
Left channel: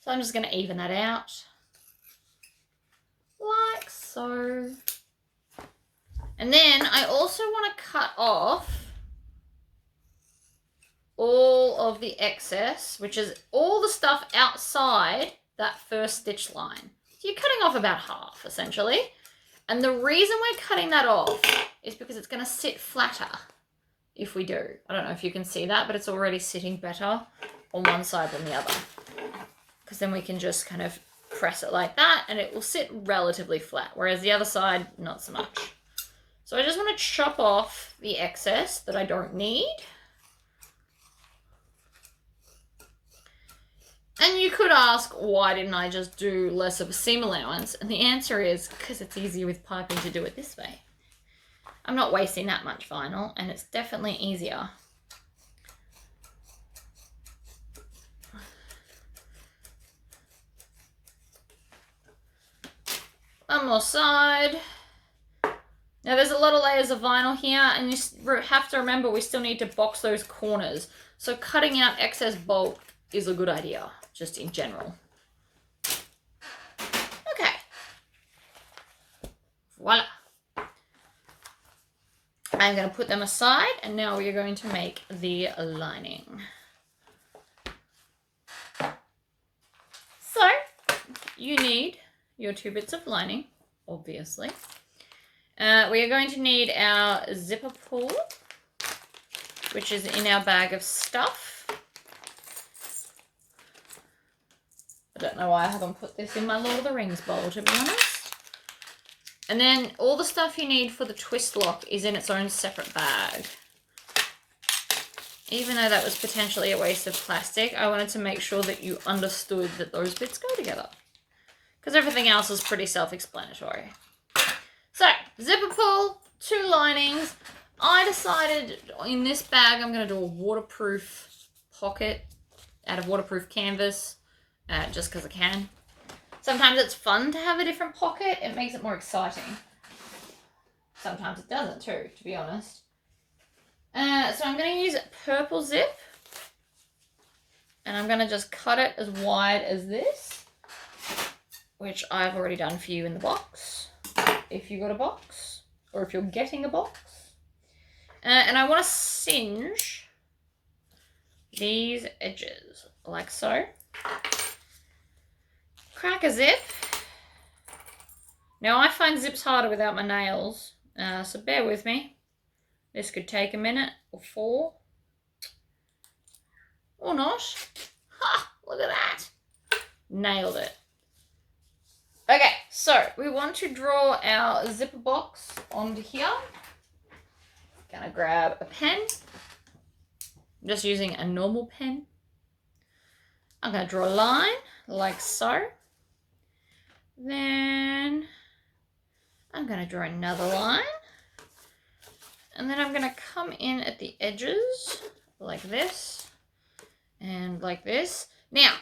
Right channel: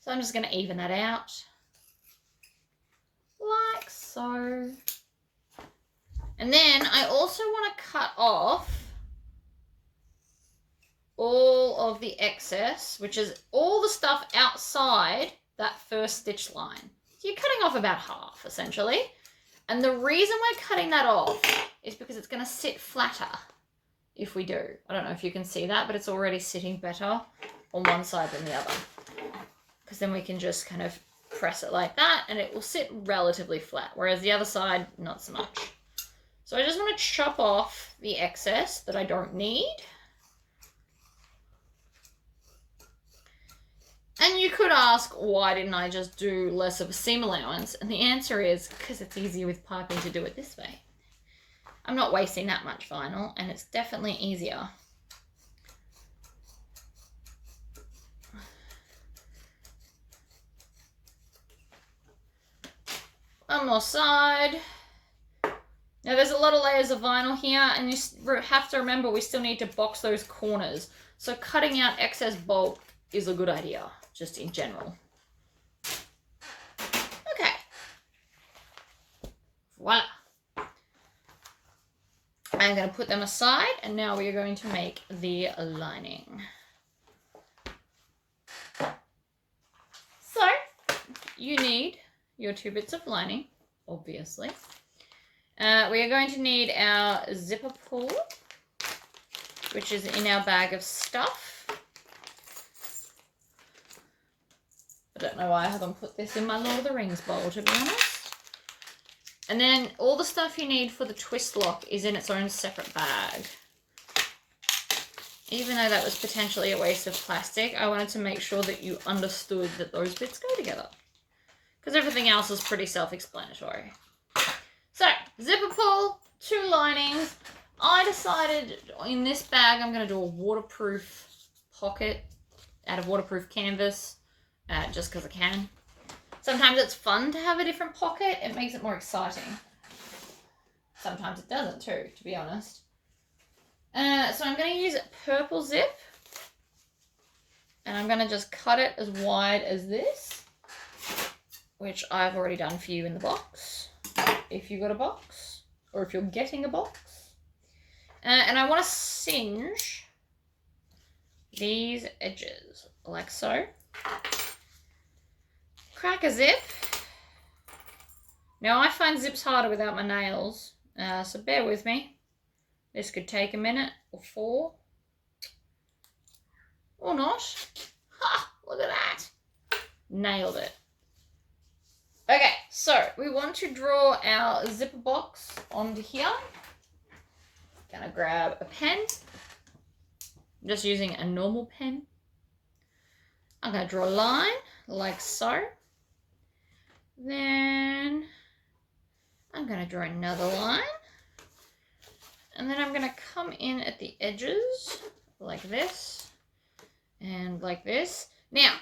So I'm just going to even that out. Like so. And then I also want to cut off all of the excess, which is all the stuff outside that first stitch line. So you're cutting off about half, essentially. And the reason we're cutting that off is because it's going to sit flatter if we do. I don't know if you can see that, but it's already sitting better on one side than the other. Because then we can just kind of press it like that and it will sit relatively flat, whereas the other side, not so much. So I just want to chop off the excess that I don't need. And you could ask, why didn't I just do less of a seam allowance? And the answer is because it's easier with piping to do it this way. I'm not wasting that much vinyl, and it's definitely easier. One more side. Now there's a lot of layers of vinyl here, and you have to remember we still need to box those corners. So cutting out excess bulk is a good idea, just in general. Voila. I'm going to put them aside, and now we are going to make the lining. So, you need your 2 bits of lining, obviously. We are going to need our zipper pull, which is in our bag of stuff. I don't know why I haven't put this in my Lord of the Rings bowl, to be honest. And then all the stuff you need for the twist lock is in its own separate bag. Even though that was potentially a waste of plastic, I wanted to make sure that you understood that those bits go together. Because everything else is pretty self-explanatory. So, zipper pull, 2 linings. I decided in this bag I'm going to do a waterproof pocket out of waterproof canvas, just because I can. Sometimes it's fun to have a different pocket. It makes it more exciting. Sometimes it doesn't too, to be honest. So I'm going to use purple zip. And I'm going to just cut it as wide as this, which I've already done for you in the box, if you got a box, or if you're getting a box. And I want to singe these edges, like so. Crack a zip. Now I find zips harder without my nails, so bear with me. This could take a minute or 4. Or not. Ha! Look at that. Nailed it. Okay, so we want to draw our zipper box onto here. Gonna grab a pen. I'm just using a normal pen. I'm gonna draw a line like so. Then I'm going to draw another line. And then I'm going to come in at the edges like this and like this. Now,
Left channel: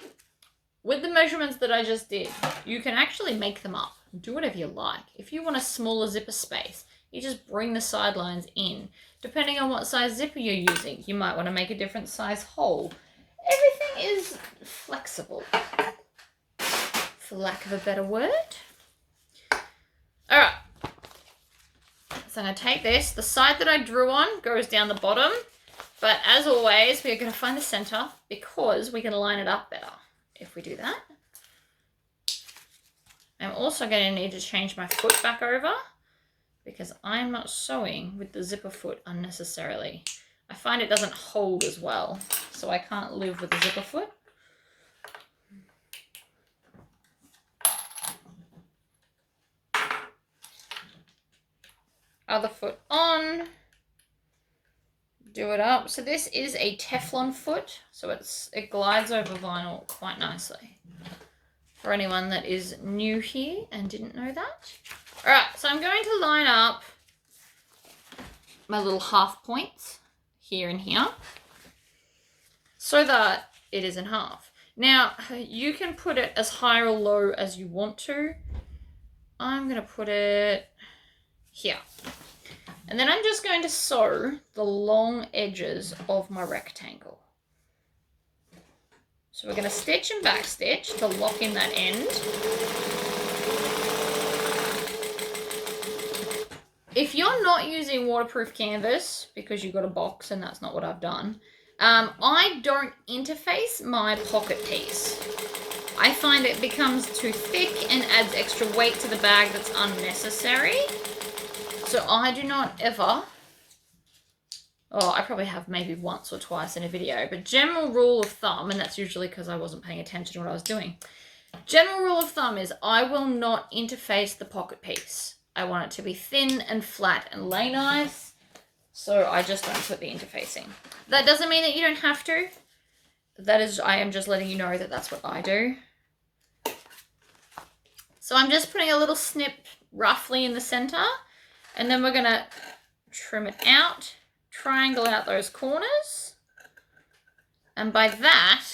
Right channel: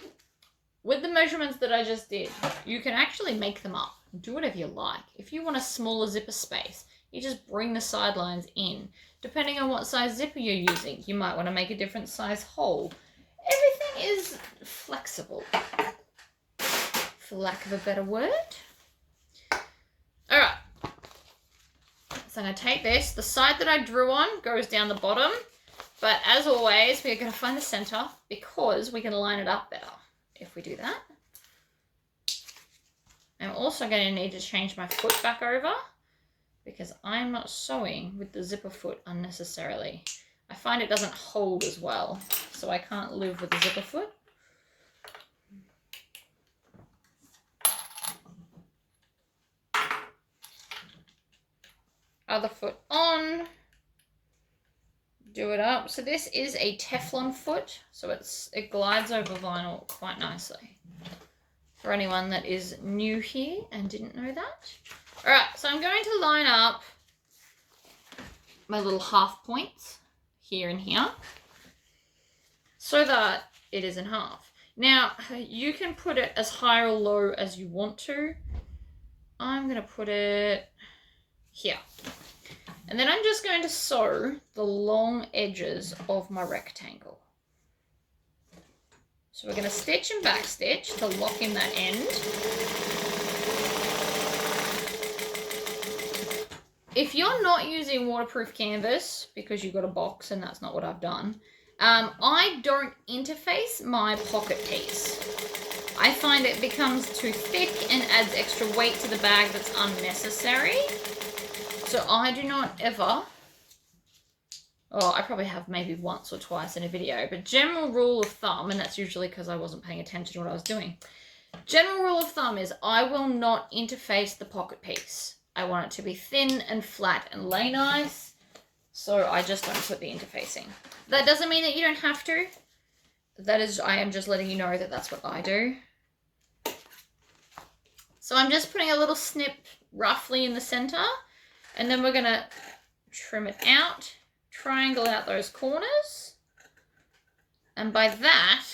with the measurements that I just did, you can actually make them up. Do whatever you like. If you want a smaller zipper space, you just bring the sidelines in. Depending on what size zipper you're using, you might want to make a different size hole. Everything is flexible, for lack of a better word. All right. So I'm going to take this. The side that I drew on goes down the bottom. But as always, we're going to find the center because we can line it up better if we do that. I'm also going to need to change my foot back over because I'm not sewing with the zipper foot unnecessarily. I find it doesn't hold as well, so I can't live with the zipper foot. Other foot on, do it up. So this is a Teflon foot, so it glides over vinyl quite nicely. For anyone that is new here and didn't know that. All right, so I'm going to line up my little half points here and here so that it is in half. Now, you can put it as high or low as you want to. I'm going to put it here. And then I'm just going to sew the long edges of my rectangle. So we're going to stitch and back stitch to lock in that end. If you're not using waterproof canvas because you've got a box, and that's not what I've done, I don't interface my pocket piece. I find it becomes too thick and adds extra weight to the bag that's unnecessary. So I do not ever, I probably have maybe once or twice in a video, but general rule of thumb, and that's usually because I wasn't paying attention to what I was doing. General rule of thumb is I will not interface the pocket piece. I want it to be thin and flat and lay nice, so I just don't put the interfacing. That doesn't mean that you don't have to. I am just letting you know that that's what I do. So I'm just putting a little snip roughly in the center, and then we're going to trim it out, triangle out those corners, and by that,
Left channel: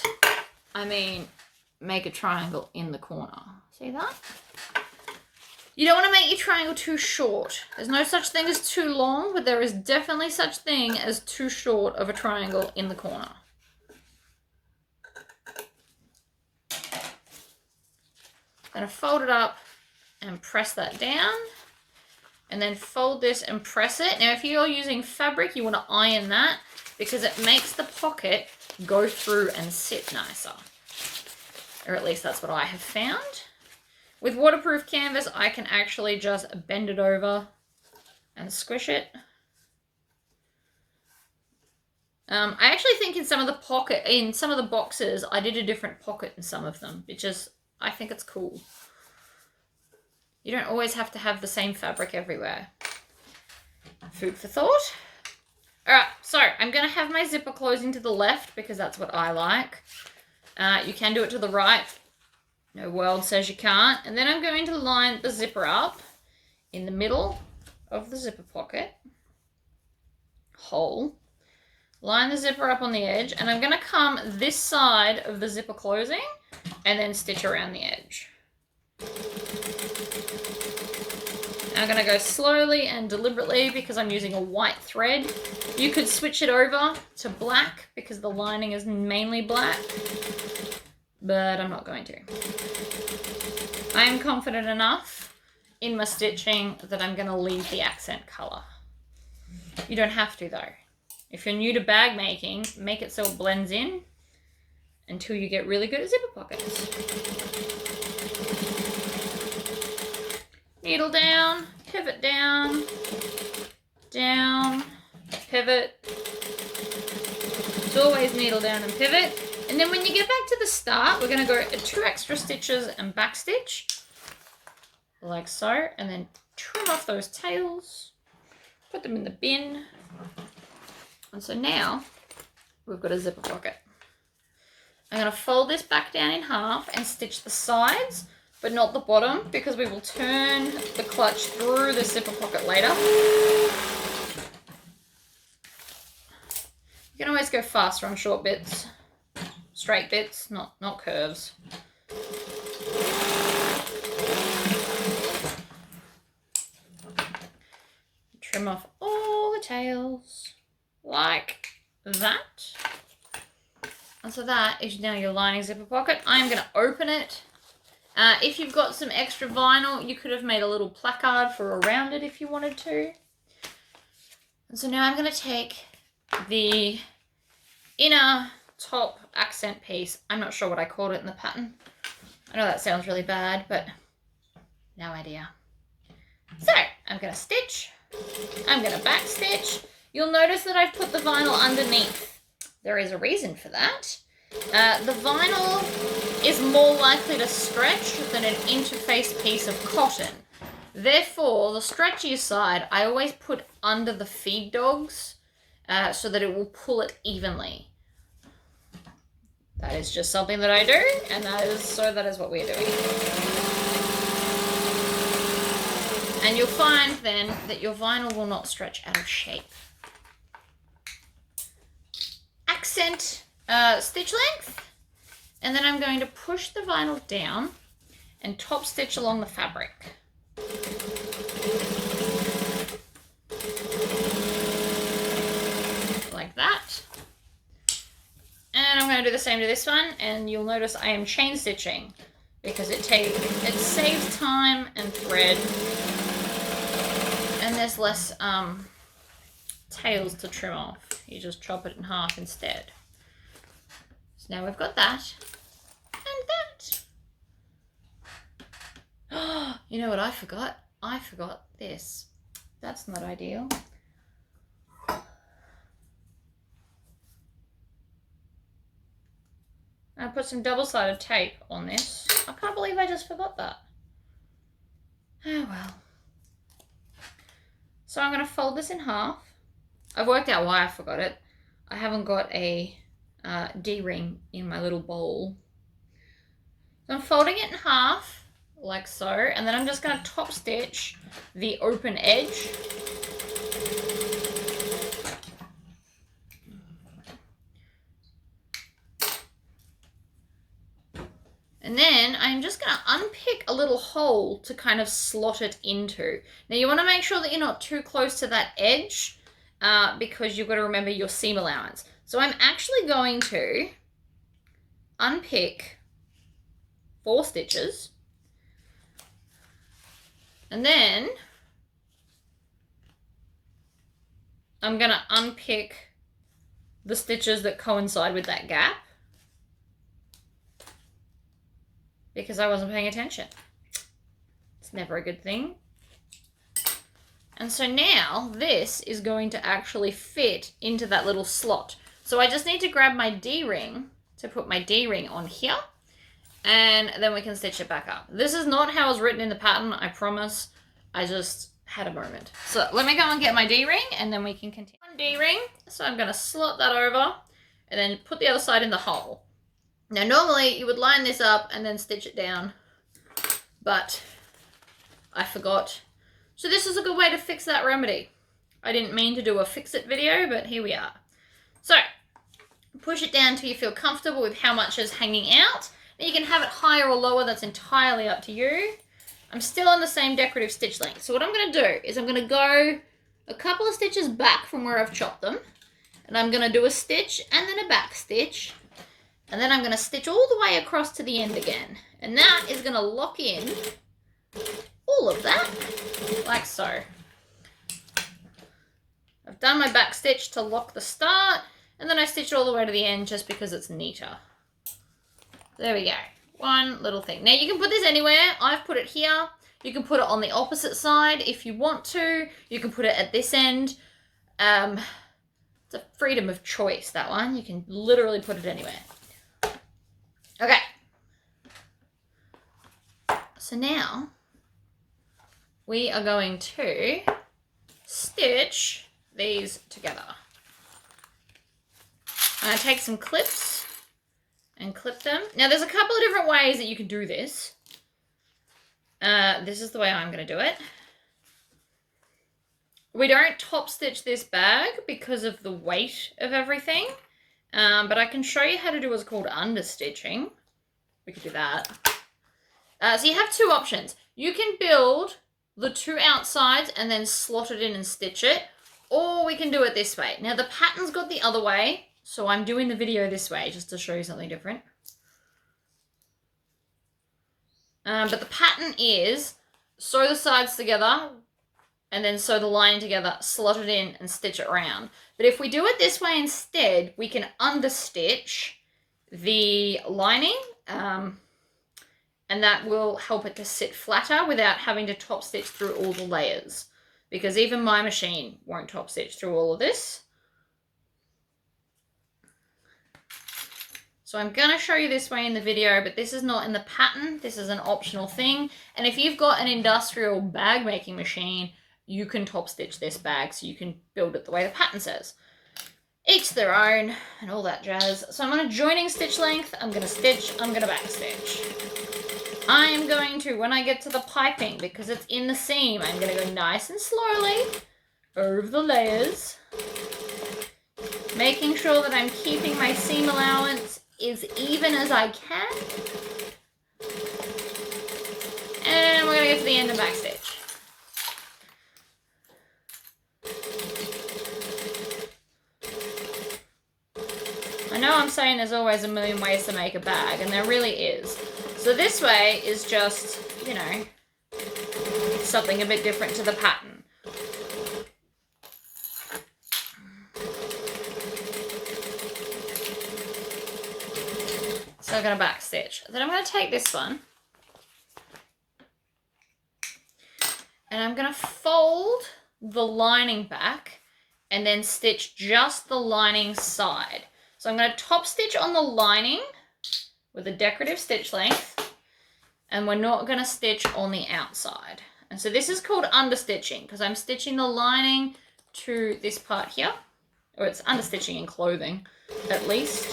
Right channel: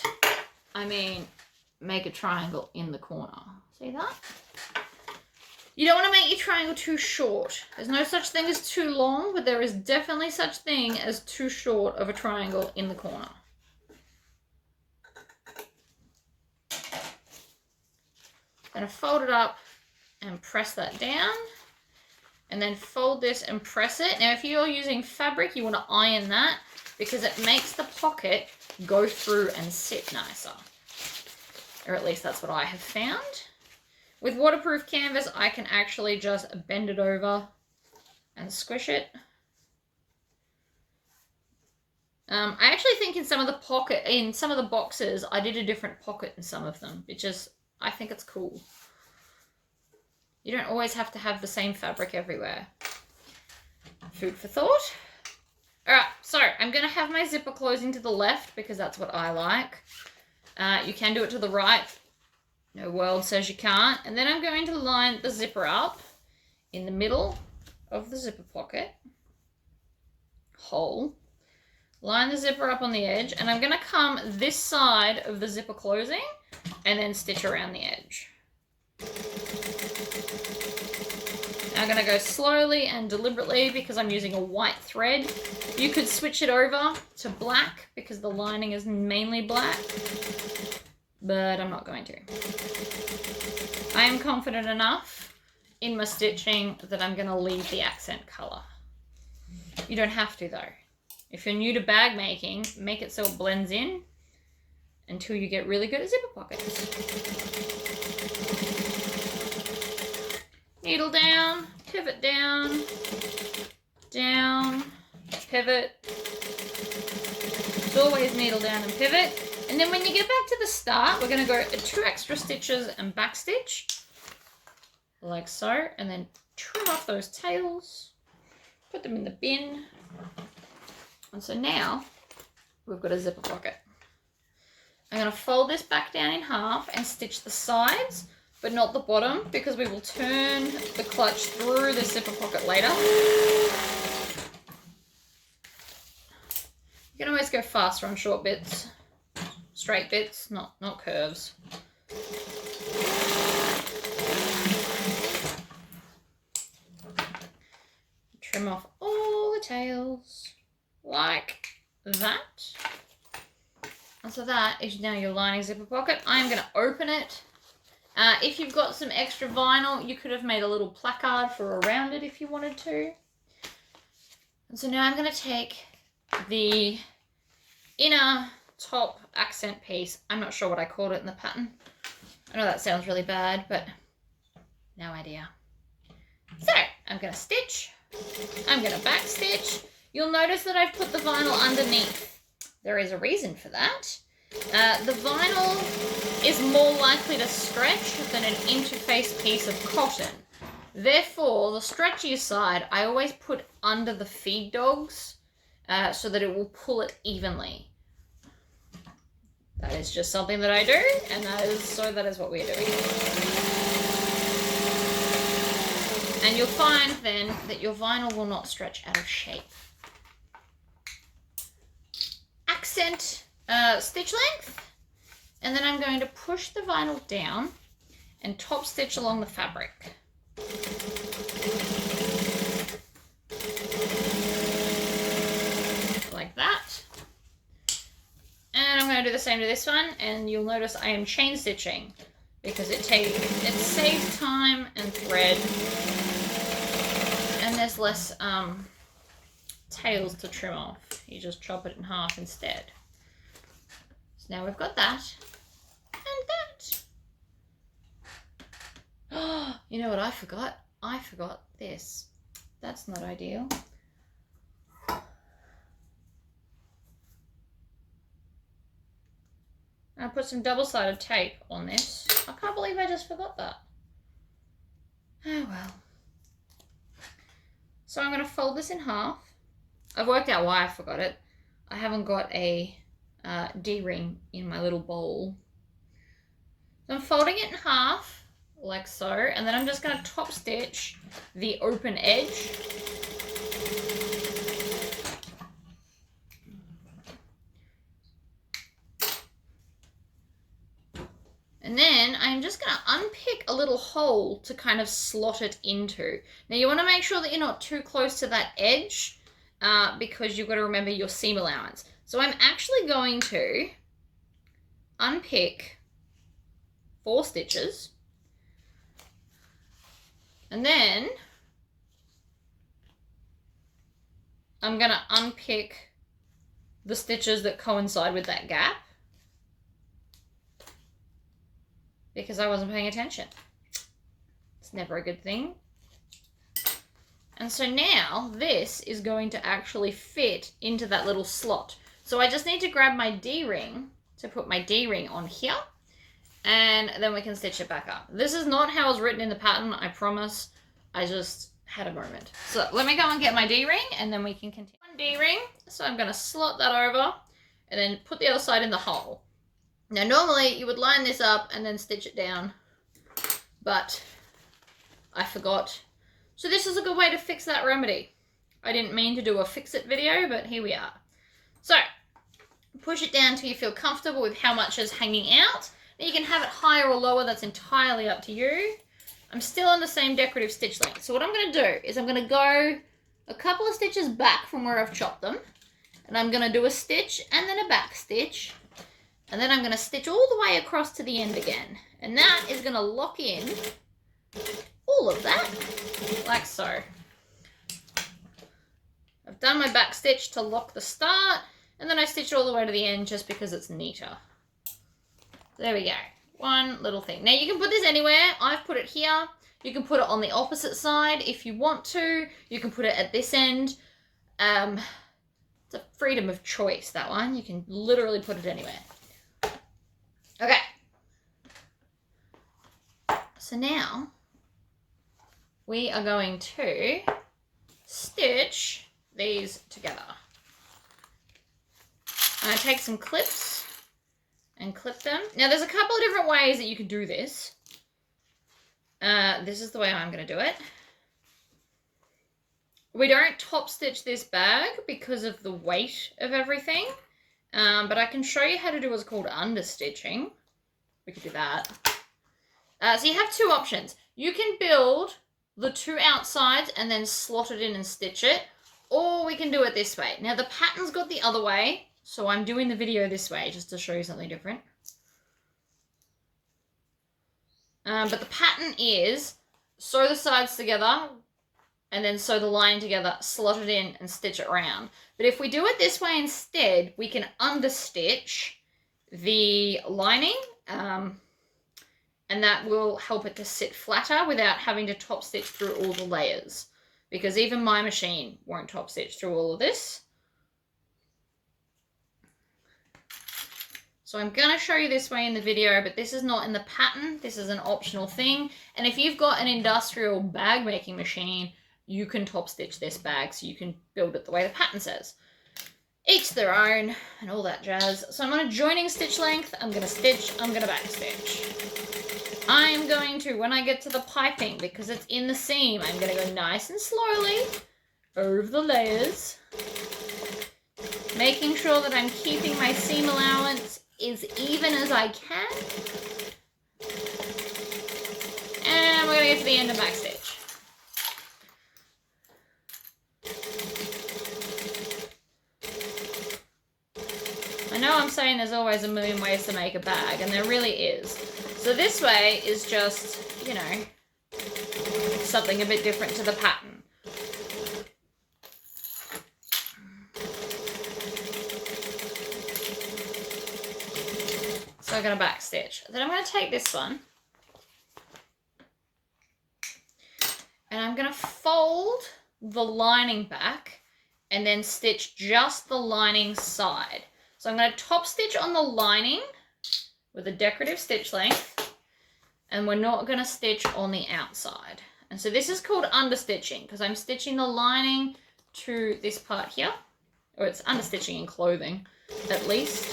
I mean make a triangle in the corner. See that? You don't want to make your triangle too short. There's no such thing as too long, but there is definitely such thing as too short of a triangle in the corner. I'm going to fold it up and press that down. and then fold this and press it. Now, if you're using fabric, you want to iron that because it makes the pocket go through and sit nicer. Or at least that's what I have found. With waterproof canvas, I can actually just bend it over and squish it. I actually think in some of the boxes, I did a different pocket in some of them, I think it's cool. You don't always have to have the same fabric everywhere. Food for thought. All right, so I'm going to have my zipper closing to the left because that's what I like. You can do it to the right. No world says you can't. And then I'm going to line the zipper up in the middle of the zipper pocket hole. Line the zipper up on the edge, and I'm going to come this side of the zipper closing and then stitch around the edge. Now I'm going to go slowly and deliberately because I'm using a white thread. You could switch it over to black because the lining is mainly black, but I'm not going to. I am confident enough in my stitching that I'm going to leave the accent color. You don't have to though. If you're new to bag making, make it so it blends in until you get really good at zipper pockets. Needle down, pivot down, down, pivot. It's always needle down and pivot. And then when you get back to the start, we're going to go 2 extra stitches and back stitch, like so, and then trim off those tails, put them in the bin. And so now we've got a zipper pocket. I'm going to fold this back down in half and stitch the sides, but not the bottom, because we will turn the clutch through the zipper pocket later. You can always go faster on short bits, straight bits, not curves. Trim off all the tails. Like that. And so that is now your lining zipper pocket. I'm going to open it. If you've got some extra vinyl, you could have made a little placard for around it if you wanted to. And so now I'm going to take the inner top accent piece. I'm not sure what I called it in the pattern. I know that sounds really bad, but no idea. So I'm going to stitch. I'm going to back stitch. You'll notice that I've put the vinyl underneath. There is a reason for that. The vinyl is more likely to stretch than an interface piece of cotton. Therefore, the stretchier side, I always put under the feed dogs so that it will pull it evenly. That is just something that I do, and that is what we're doing. And you'll find then that your vinyl will not stretch out of shape. Accent stitch length, and then I'm going to push the vinyl down and top stitch along the fabric. Like that. And I'm going to do the same to this one, and you'll notice I am chain stitching because it saves time and thread, and there's less tails to trim off. You just chop it in half instead. So now we've got that and that. Oh, you know what I forgot? I forgot this. That's not ideal. I put some double-sided tape on this. I can't believe I just forgot that. Oh well. So I'm going to fold this in half. I've worked out why I forgot it. I haven't got a D-ring in my little bowl. So I'm folding it in half, like so, and then I'm just going to top stitch the open edge. And then I'm just going to unpick a little hole to kind of slot it into. Now you want to make sure that you're not too close to that edge because you've got to remember your seam allowance. So I'm actually going to unpick 4 stitches and then I'm going to unpick the stitches that coincide with that gap because I wasn't paying attention. It's never a good thing. And so now this is going to actually fit into that little slot. So I just need to grab my D-ring to put my D-ring on here, and then we can stitch it back up. This is not how it's written in the pattern, I promise. I just had a moment. So let me go and get my D-ring and then we can continue. One D-ring, so I'm gonna slot that over and then put the other side in the hole. Now normally you would line this up and then stitch it down, but I forgot. So this is a good way to fix that remedy. I didn't mean to do a fix-it video, but here we are. So, push it down till you feel comfortable with how much is hanging out. Now you can have it higher or lower, that's entirely up to you. I'm still on the same decorative stitch length. So what I'm gonna do is I'm gonna go a couple of stitches back from where I've chopped them, and I'm gonna do a stitch and then a back stitch, and then I'm gonna stitch all the way across to the end again. And that is gonna lock in all of that, like so. I've done my back stitch to lock the start, and then I stitch all the way to the end just because it's neater. There we go. One little thing. Now you can put this anywhere. I've put it here. You can put it on the opposite side if you want to. You can put it at this end. It's a freedom of choice, that one. You can literally put it anywhere. Okay. So now we are going to stitch these together. I'm going to take some clips and clip them. Now there's a couple of different ways that you can do this. This is the way I'm going to do it. We don't top stitch this bag because of the weight of everything, but I can show you how to do what's called understitching. We could do that. So you have two options. You can build the two outsides and then slot it in and stitch it, or we can do it this way. Now the pattern's got the other way, so I'm doing the video this way just to show you something different. But the pattern is sew the sides together and then sew the lining together, slot it in and stitch it around. But if we do it this way instead, we can understitch the lining, and that will help it to sit flatter without having to top stitch through all the layers, because even my machine won't top stitch through all of this. So I'm going to show you this way in the video, but this is not in the pattern. This is an optional thing. And if you've got an industrial bag making machine, you can top stitch this bag so you can build it the way the pattern says. Each their own and all that jazz. So I'm on a joining stitch length. I'm going to stitch, I'm going to back stitch. I am going to, when I get to the piping, because it's in the seam, I'm going to go nice and slowly over the layers, making sure that I'm keeping my seam allowance as even as I can. And we're going to get to the end and back stitch. I know I'm saying there's always a million ways to make a bag, and there really is. So this way is just, you know, something a bit different to the pattern. So I'm going to back stitch. Then I'm going to take this one and I'm going to fold the lining back and then stitch just the lining side. So I'm going to top stitch on the lining with a decorative stitch length, and we're not going to stitch on the outside. And so this is called understitching because I'm stitching the lining to this part here, or it's understitching in clothing at least.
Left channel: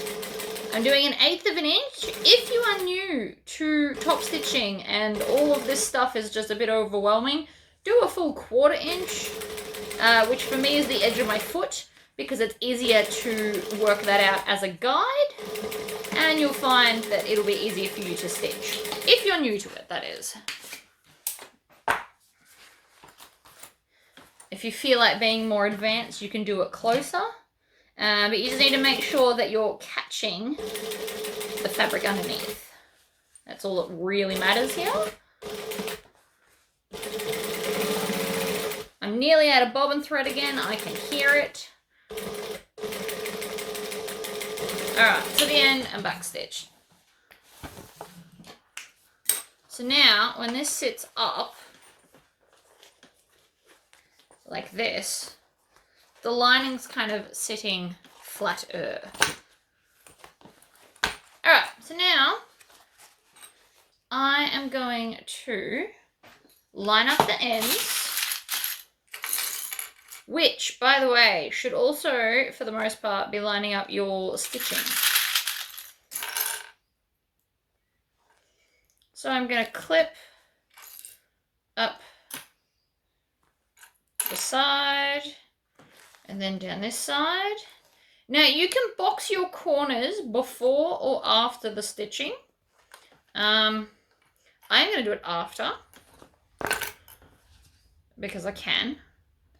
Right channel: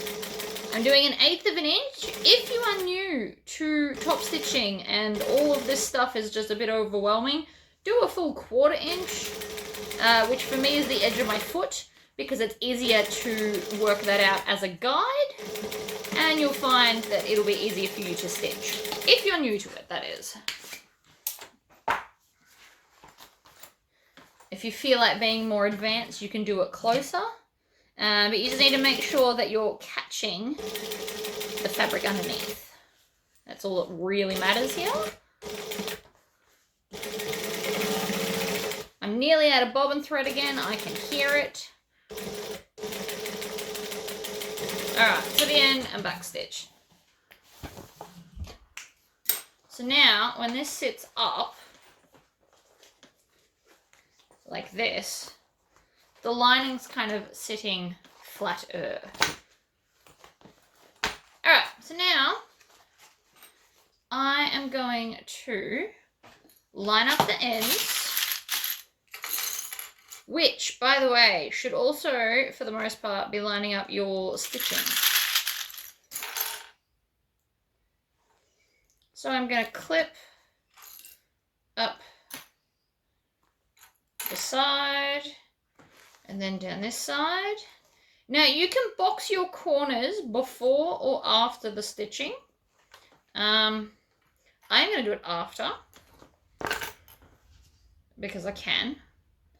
I'm doing 1/8 of an inch. If you are new to top stitching and all of this stuff is just a bit overwhelming, do a full 1/4 inch, which for me is the edge of my foot, because it's easier to work that out as a guide, and you'll find that it'll be easier for you to stitch. If you're new to it, that is. If you feel like being more advanced, you can do it closer. But you just need to make sure that you're catching the fabric underneath. That's all that really matters here. I'm nearly out of bobbin thread again. I can hear it. Alright, to the end and back stitch. So now, when this sits up, like this, the lining's kind of sitting flatter. Alright, so now I am going to line up the ends, which, by the way, should also, for the most part, be lining up your stitching. So I'm going to clip up the side and then down this side. Now you can box your corners before or after the stitching. I'm going to do it after because I can.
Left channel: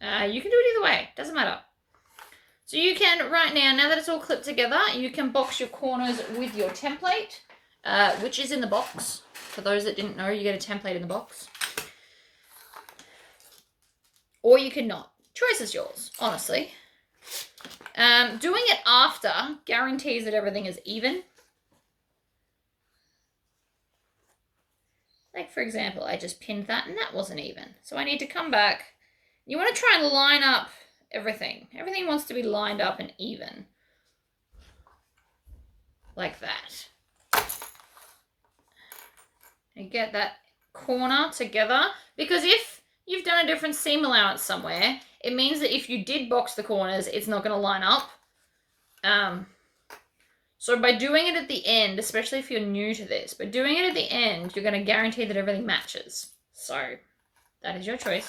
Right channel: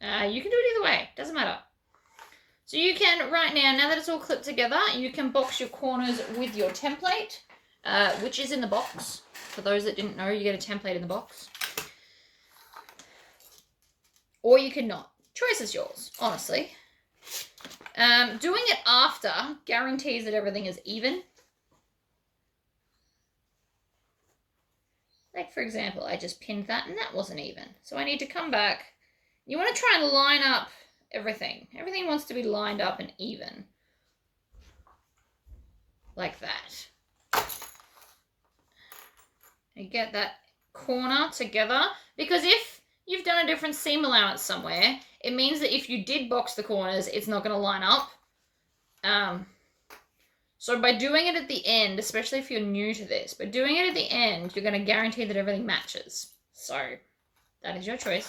You can do it either way, doesn't matter. So you can, right now that it's all clipped together, you can box your corners with your template, which is in the box. For those that didn't know, you get a template in the box. Or you can not. Choice is yours, honestly. Doing it after guarantees that everything is even. Like, for example, I just pinned that and that wasn't even. So I need to come back. You want to try and line up everything. Everything wants to be lined up and even. Like that. And get that corner together. Because if you've done a different seam allowance somewhere, it means that if you did box the corners, it's not going to line up. So by doing it at the end, especially if you're new to this, but doing it at the end, you're going to guarantee that everything matches. So that is your choice.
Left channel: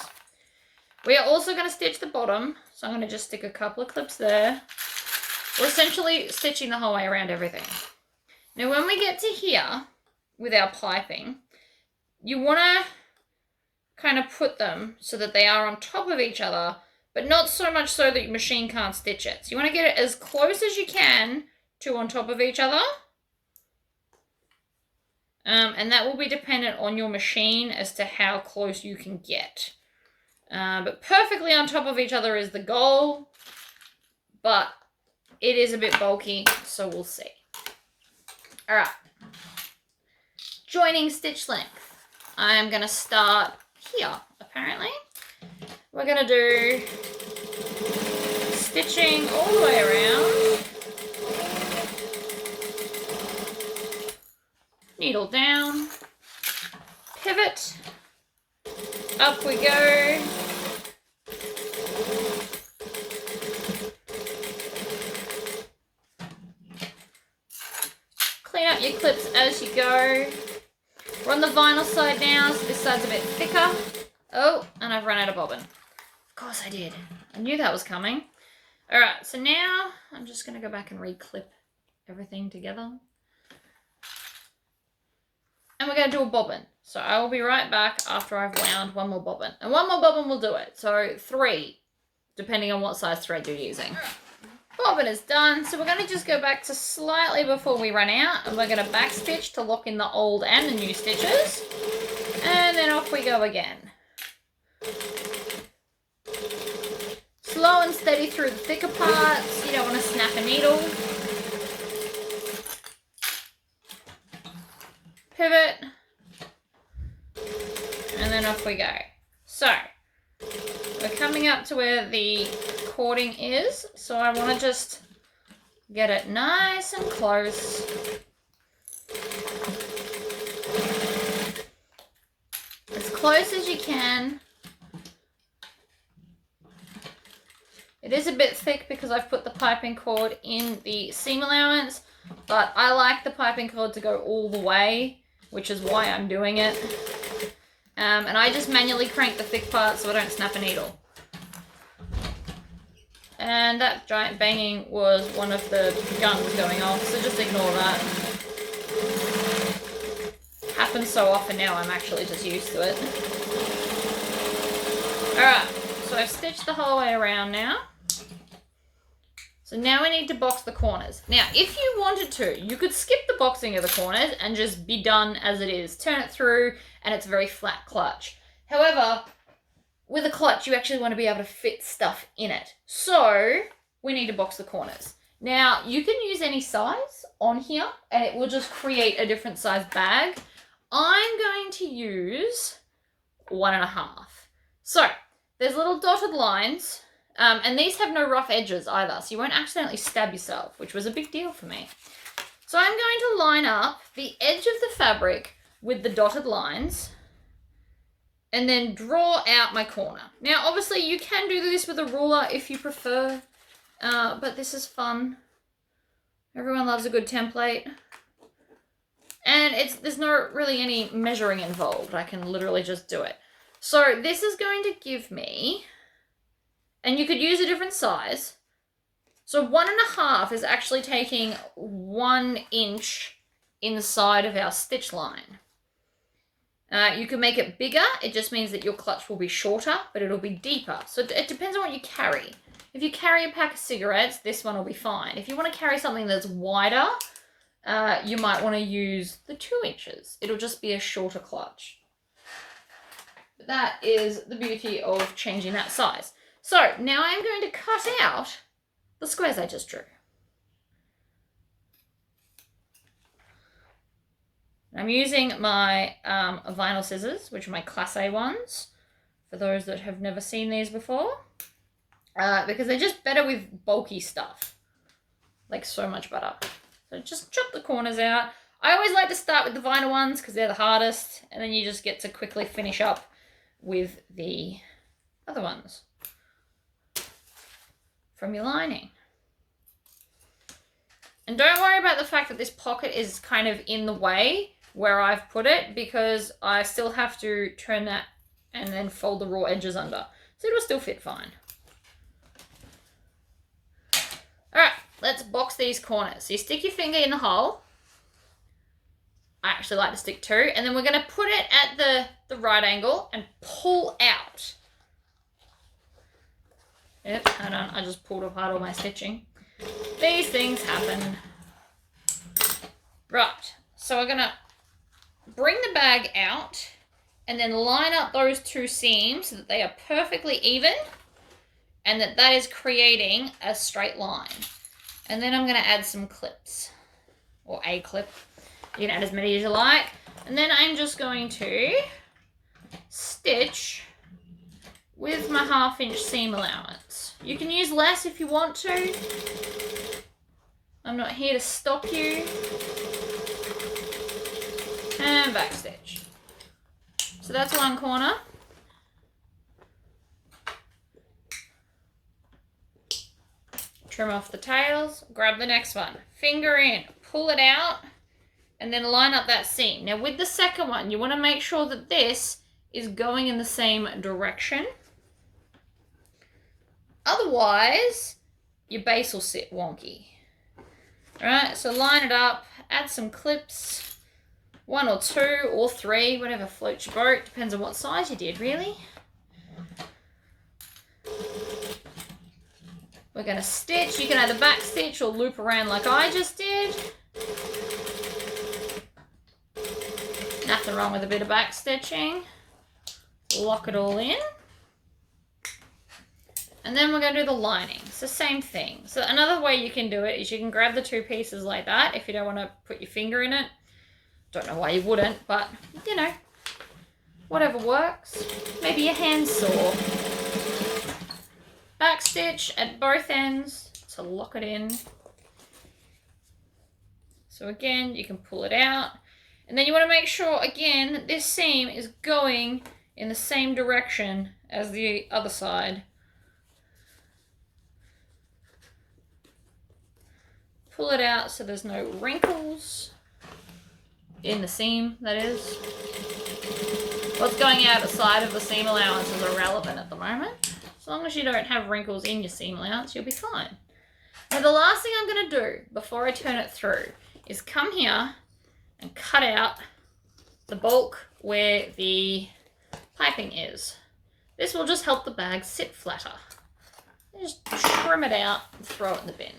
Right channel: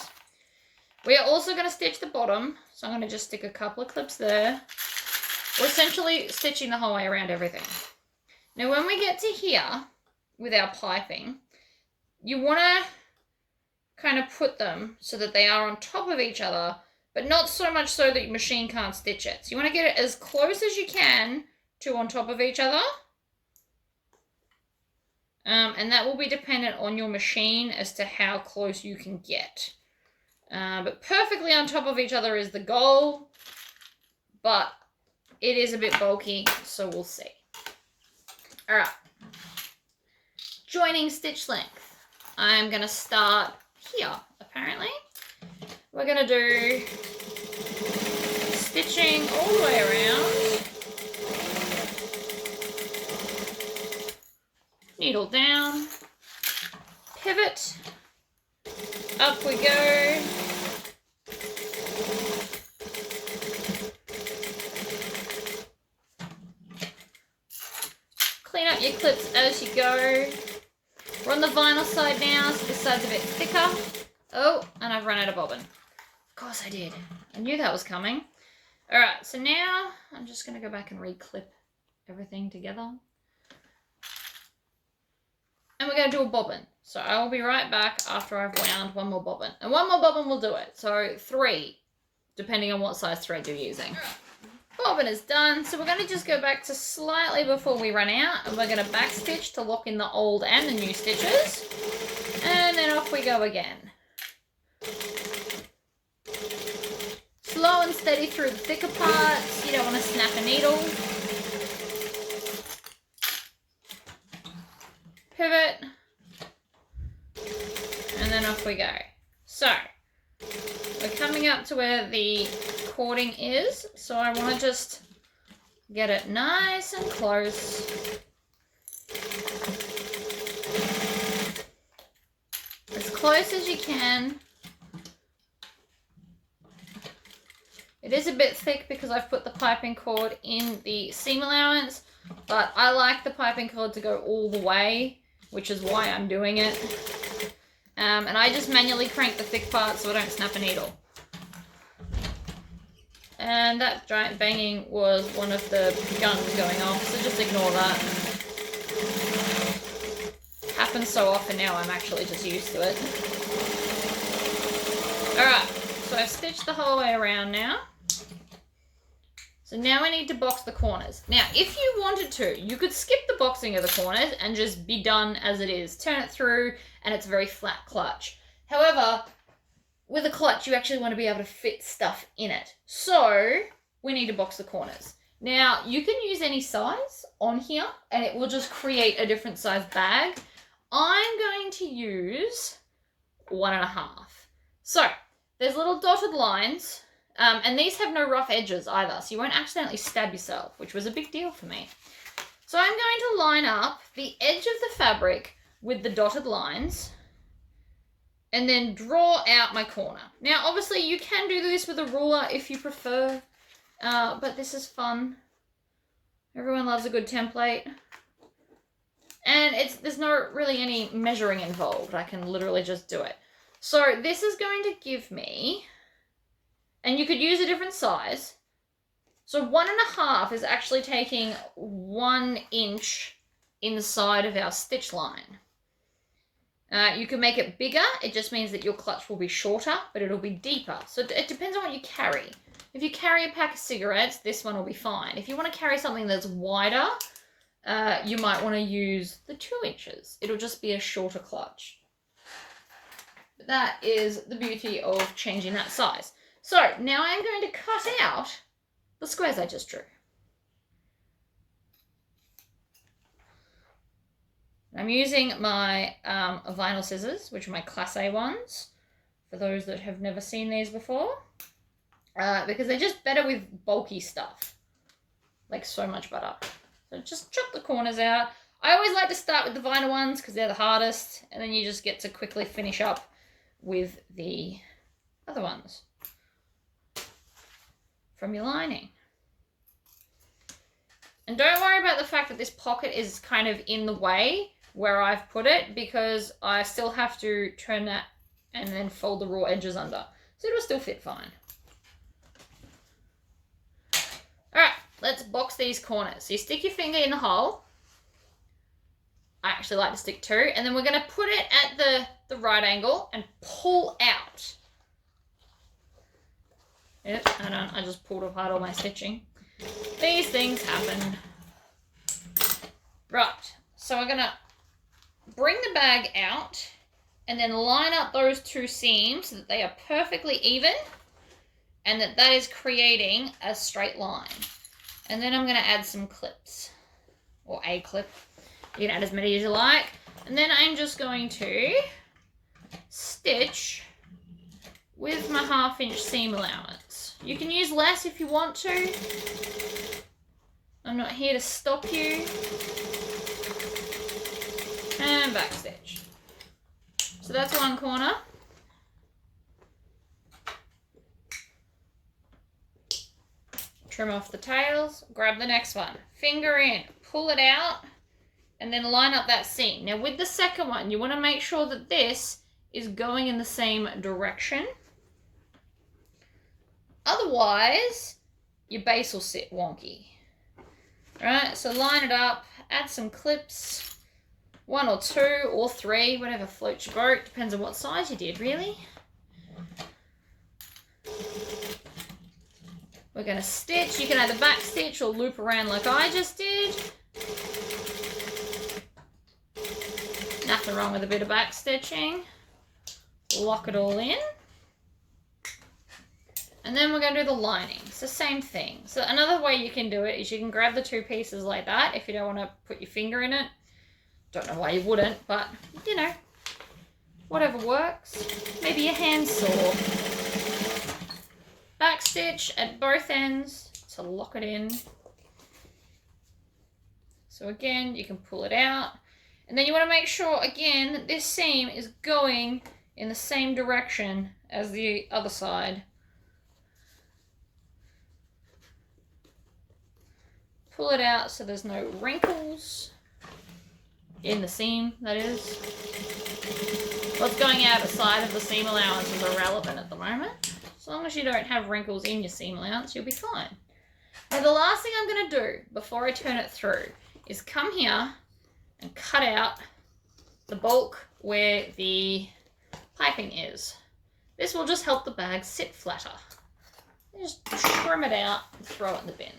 We are also going to stitch the bottom. So I'm going to just stick a couple of clips there. We're essentially stitching the whole way around everything. Now when we get to here with our piping, you want to kind of put them so that they are on top of each other, but not so much so that your machine can't stitch it. So you want to get it as close as you can to on top of each other. And that will be dependent on your machine as to how close you can get. But perfectly on top of each other is the goal, but it is a bit bulky, so we'll see. All right. Joining stitch length. I'm going to start here, apparently. We're going to do stitching all the way around. Needle down. Pivot. Up we go. Clean up your clips as you go. We're on the vinyl side now, so this side's a bit thicker. Oh, and I've run out of bobbin. Of course I did. I knew that was coming. All right, so now I'm just going to go back and re-clip everything together. And we're going to do a bobbin. So I will be right back after I've wound one more bobbin. And one more bobbin will do it. So 3, depending on what size thread you're using. Bobbin is done. So we're going to just go back to slightly before we run out. And we're going to back stitch to lock in the old and the new stitches. And then off we go again. Slow and steady through the thicker parts. You don't want to snap a needle. Pivot. And then off we go. So, we're coming up to where the cording is. So I want to just get it nice and close. As close as you can. It is a bit thick because I've put the piping cord in the seam allowance, but I like the piping cord to go all the way, which is why I'm doing it. And I just manually crank the thick part so I don't snap a needle. And that giant banging was one of the guns going off, so just ignore that. Happens so often now, I'm actually just used to it. Alright, so I've stitched the whole way around now. So now I need to box the corners. Now, if you wanted to, you could skip the boxing of the corners and just be done as it is. Turn it through and it's a very flat clutch. However, with a clutch, you actually want to be able to fit stuff in it. So we need to box the corners. Now, you can use any size on here and it will just create a different size bag. I'm going to use 1.5. So there's little dotted lines, and these have no rough edges either, so you won't accidentally stab yourself, which was a big deal for me. So I'm going to line up the edge of the fabric with the dotted lines and then draw out my corner. Now, obviously, you can do this with a ruler if you prefer, but this is fun. Everyone loves a good template. And there's not really any measuring involved. I can literally just do it. So this is going to give me, and you could use a different size. So 1.5 is actually taking 1 inch inside of our stitch line. You can make it bigger. It just means that your clutch will be shorter, but it'll be deeper. So it depends on what you carry. If you carry a pack of cigarettes, this one will be fine. If you want to carry something that's wider, you might want to use the 2 inches. It'll just be a shorter clutch. But that is the beauty of changing that size. So now I'm going to cut out the squares I just drew. I'm using my vinyl scissors, which are my Class A ones, for those that have never seen these before, because they're just better with bulky stuff, like so much better. So just chop the corners out. I always like to start with the vinyl ones because they're the hardest, and then you just get to quickly finish up with the other ones from your lining. And don't worry about the fact that this pocket is kind of in the way where I've put it, because I still have to turn that and then fold the raw edges under. So it'll still fit fine. All right, let's box these corners. So you stick your finger in the hole. I actually like to stick 2. And then we're going to put it at the right angle and pull out. Yep, hold on. I just pulled apart all my stitching. These things happen. Right, so we're going to bring the bag out and then line up those 2 seams so that they are perfectly even and that is creating a straight line. And then I'm going to add some clips, or a clip. You can add as many as you like. And then I'm just going to stitch with my 1/2 inch seam allowance. You can use less if you want to. I'm not here to stop you. And back stitch. So that's one corner. Trim off the tails, grab the next one, finger in, pull it out, and then line up that seam. Now with the second one, you want to make sure that this is going in the same direction. Otherwise, your base will sit wonky. All right, so line it up, add some clips, 1 or 2 or 3, whatever floats your boat. Depends on what size you did, really. We're going to stitch. You can either back stitch or loop around like I just did. Nothing wrong with a bit of back stitching. Lock it all in. And then we're going to do the lining. It's the same thing. So another way you can do it is you can grab the 2 pieces like that if you don't want to put your finger in it. Don't know why you wouldn't, but you know, whatever works. Maybe your hand's sore. Back stitch at both ends to lock it in. So again, you can pull it out. And then you want to make sure, again, that this seam is going in the same direction as the other side. Pull it out so there's no wrinkles in the seam, that is. What's going out the side of the seam allowance is irrelevant at the moment. As long as you don't have wrinkles in your seam allowance, you'll be fine. Now the last thing I'm going to do before I turn it through is come here and cut out the bulk where the piping is. This will just help the bag sit flatter. Just trim it out and throw it in the bin.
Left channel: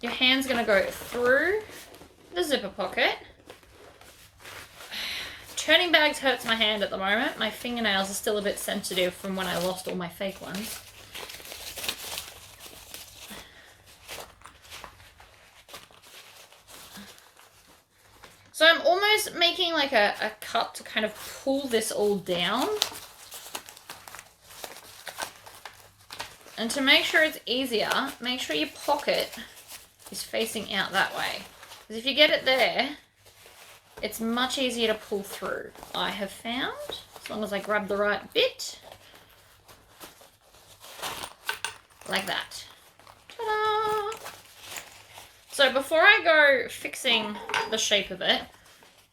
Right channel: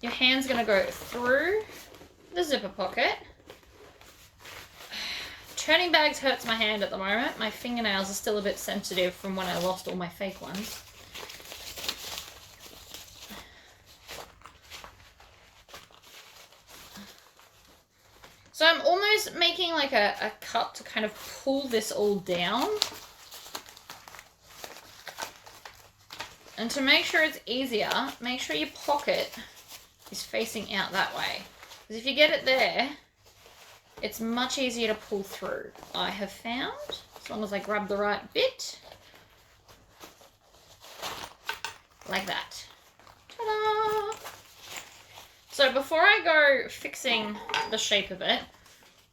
Your hand's going to go through the zipper pocket, Turning bags hurts my hand at the moment. My fingernails are still a bit sensitive from when I lost all my fake ones. So I'm almost making like a cup to kind of pull this all down. And to make sure it's easier, make sure your pocket is facing out that way. Because if you get it there, it's much easier to pull through, I have found, as long as I grab the right bit. Like that. Ta-da! So before I go fixing the shape of it,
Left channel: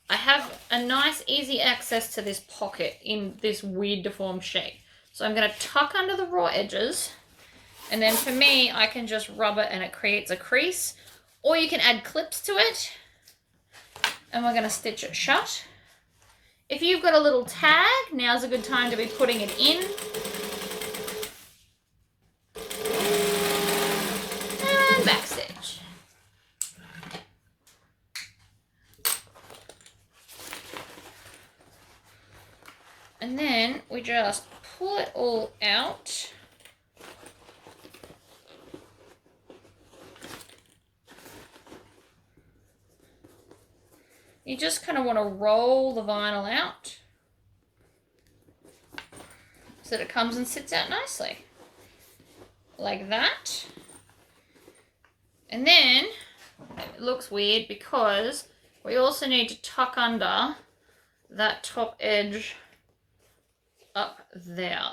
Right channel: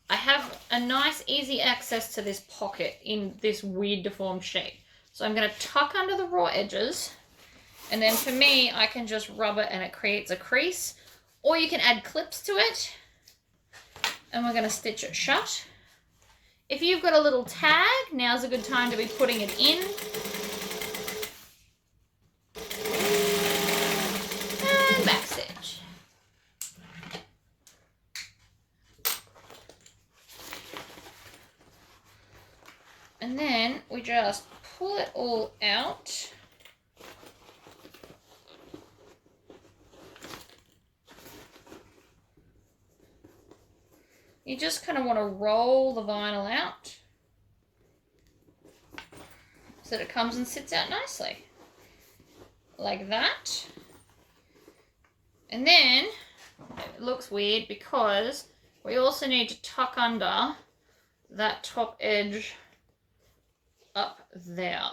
I have a nice easy access to this pocket in this weird deformed shape. So I'm going to tuck under the raw edges, and then for me, I can just rub it and it creates a crease, or you can add clips to it, and we're going to stitch it shut. If you've got a little tag, now's a good time to be putting it in. And back stitch. And then we just pull it all out. You just kind of want to roll the vinyl out so that it comes and sits out nicely. Like that. And then it looks weird because we also need to tuck under that top edge up there.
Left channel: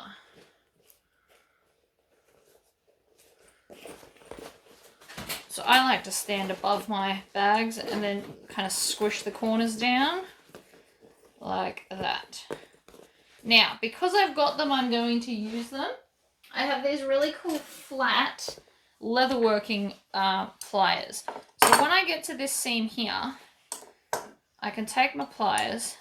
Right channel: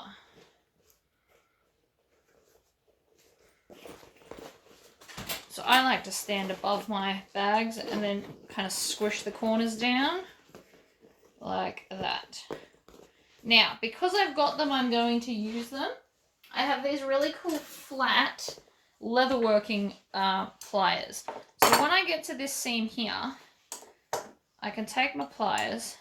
So I like to stand above my bags and then kind of squish the corners down like that. Now, because I've got them, I'm going to use them. I have these really cool flat leatherworking pliers. So when I get to this seam here, I can take my pliers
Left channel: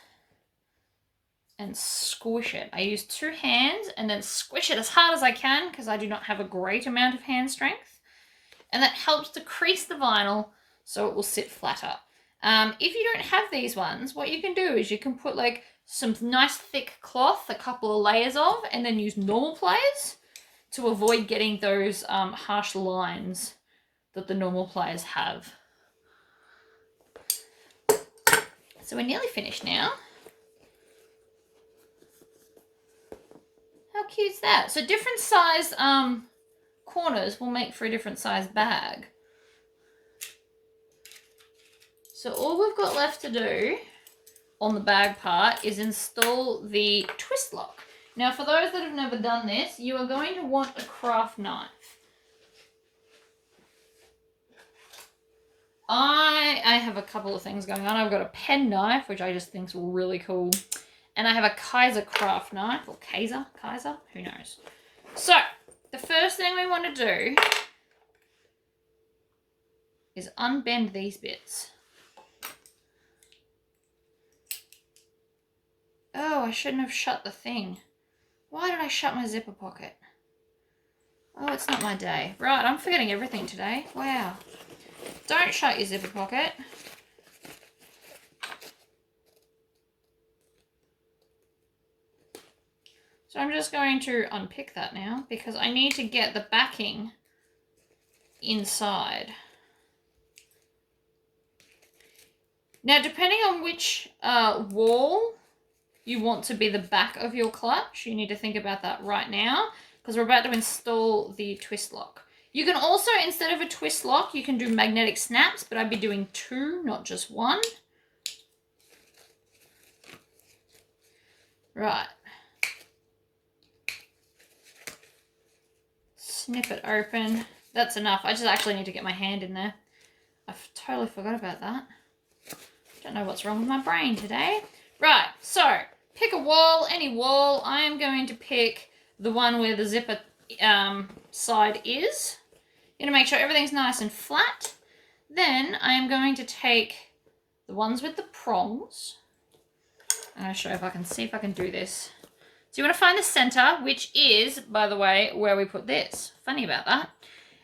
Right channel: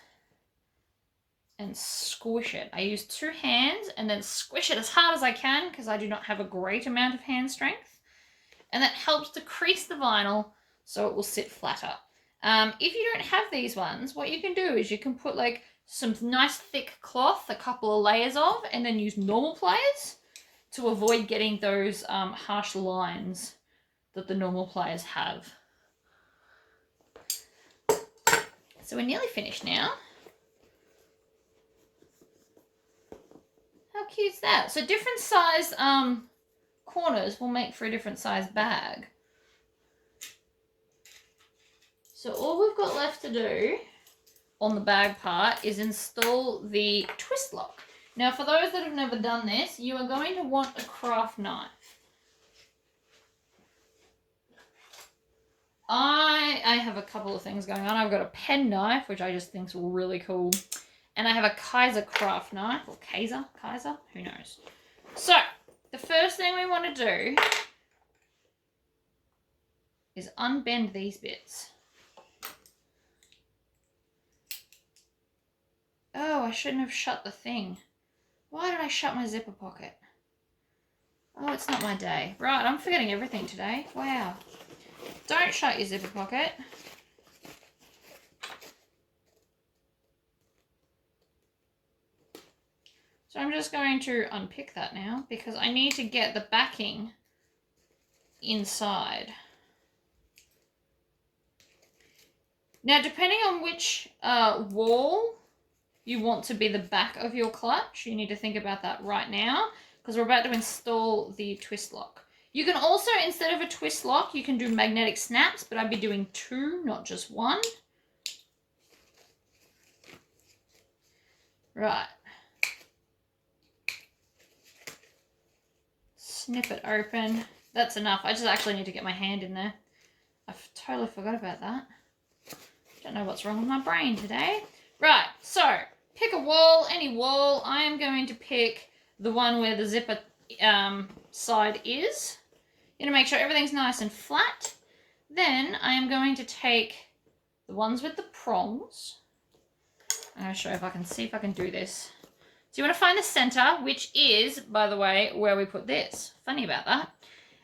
and squish it. I use 2 hands and then squish it as hard as I can because I do not have a great amount of hand strength. And that helps to crease the vinyl so it will sit flatter. If you don't have these ones, what you can do is you can put like some nice thick cloth, a couple of layers of, and then use normal pliers to avoid getting those harsh lines that the normal pliers have. So we're nearly finished now. How cute is that? So different size corners will make for a different size bag. So all we've got left to do on the bag part is install the twist lock. Now for those that have never done this, you are going to want a craft knife. I have a couple of things going on. I've got a pen knife, which I just think is really cool. And I have a Kaiser craft knife, or Kaiser, who knows. So, the first thing we want to do is unbend these bits. Oh, I shouldn't have shut the thing. Why did I shut my zipper pocket? Oh, it's not my day. Right, I'm forgetting everything today. Wow. Don't shut your zipper pocket. So I'm just going to unpick that now because I need to get the backing inside. Now, depending on which wall you want to be the back of your clutch, you need to think about that right now because we're about to install the twist lock. You can also, instead of a twist lock, you can do magnetic snaps, but I'd be doing 2, not just 1. Right. Snip it open. That's enough. I just actually need to get my hand in there. I totally forgot about that. Don't know what's wrong with my brain today. Right, so pick a wall, any wall. I am going to pick the one where the zipper side is. You're going to make sure everything's nice and flat. Then I am going to take the ones with the prongs. I'm going to show you if I can see if I can do this. So you want to find the center, which is, by the way, where we put this. Funny about that.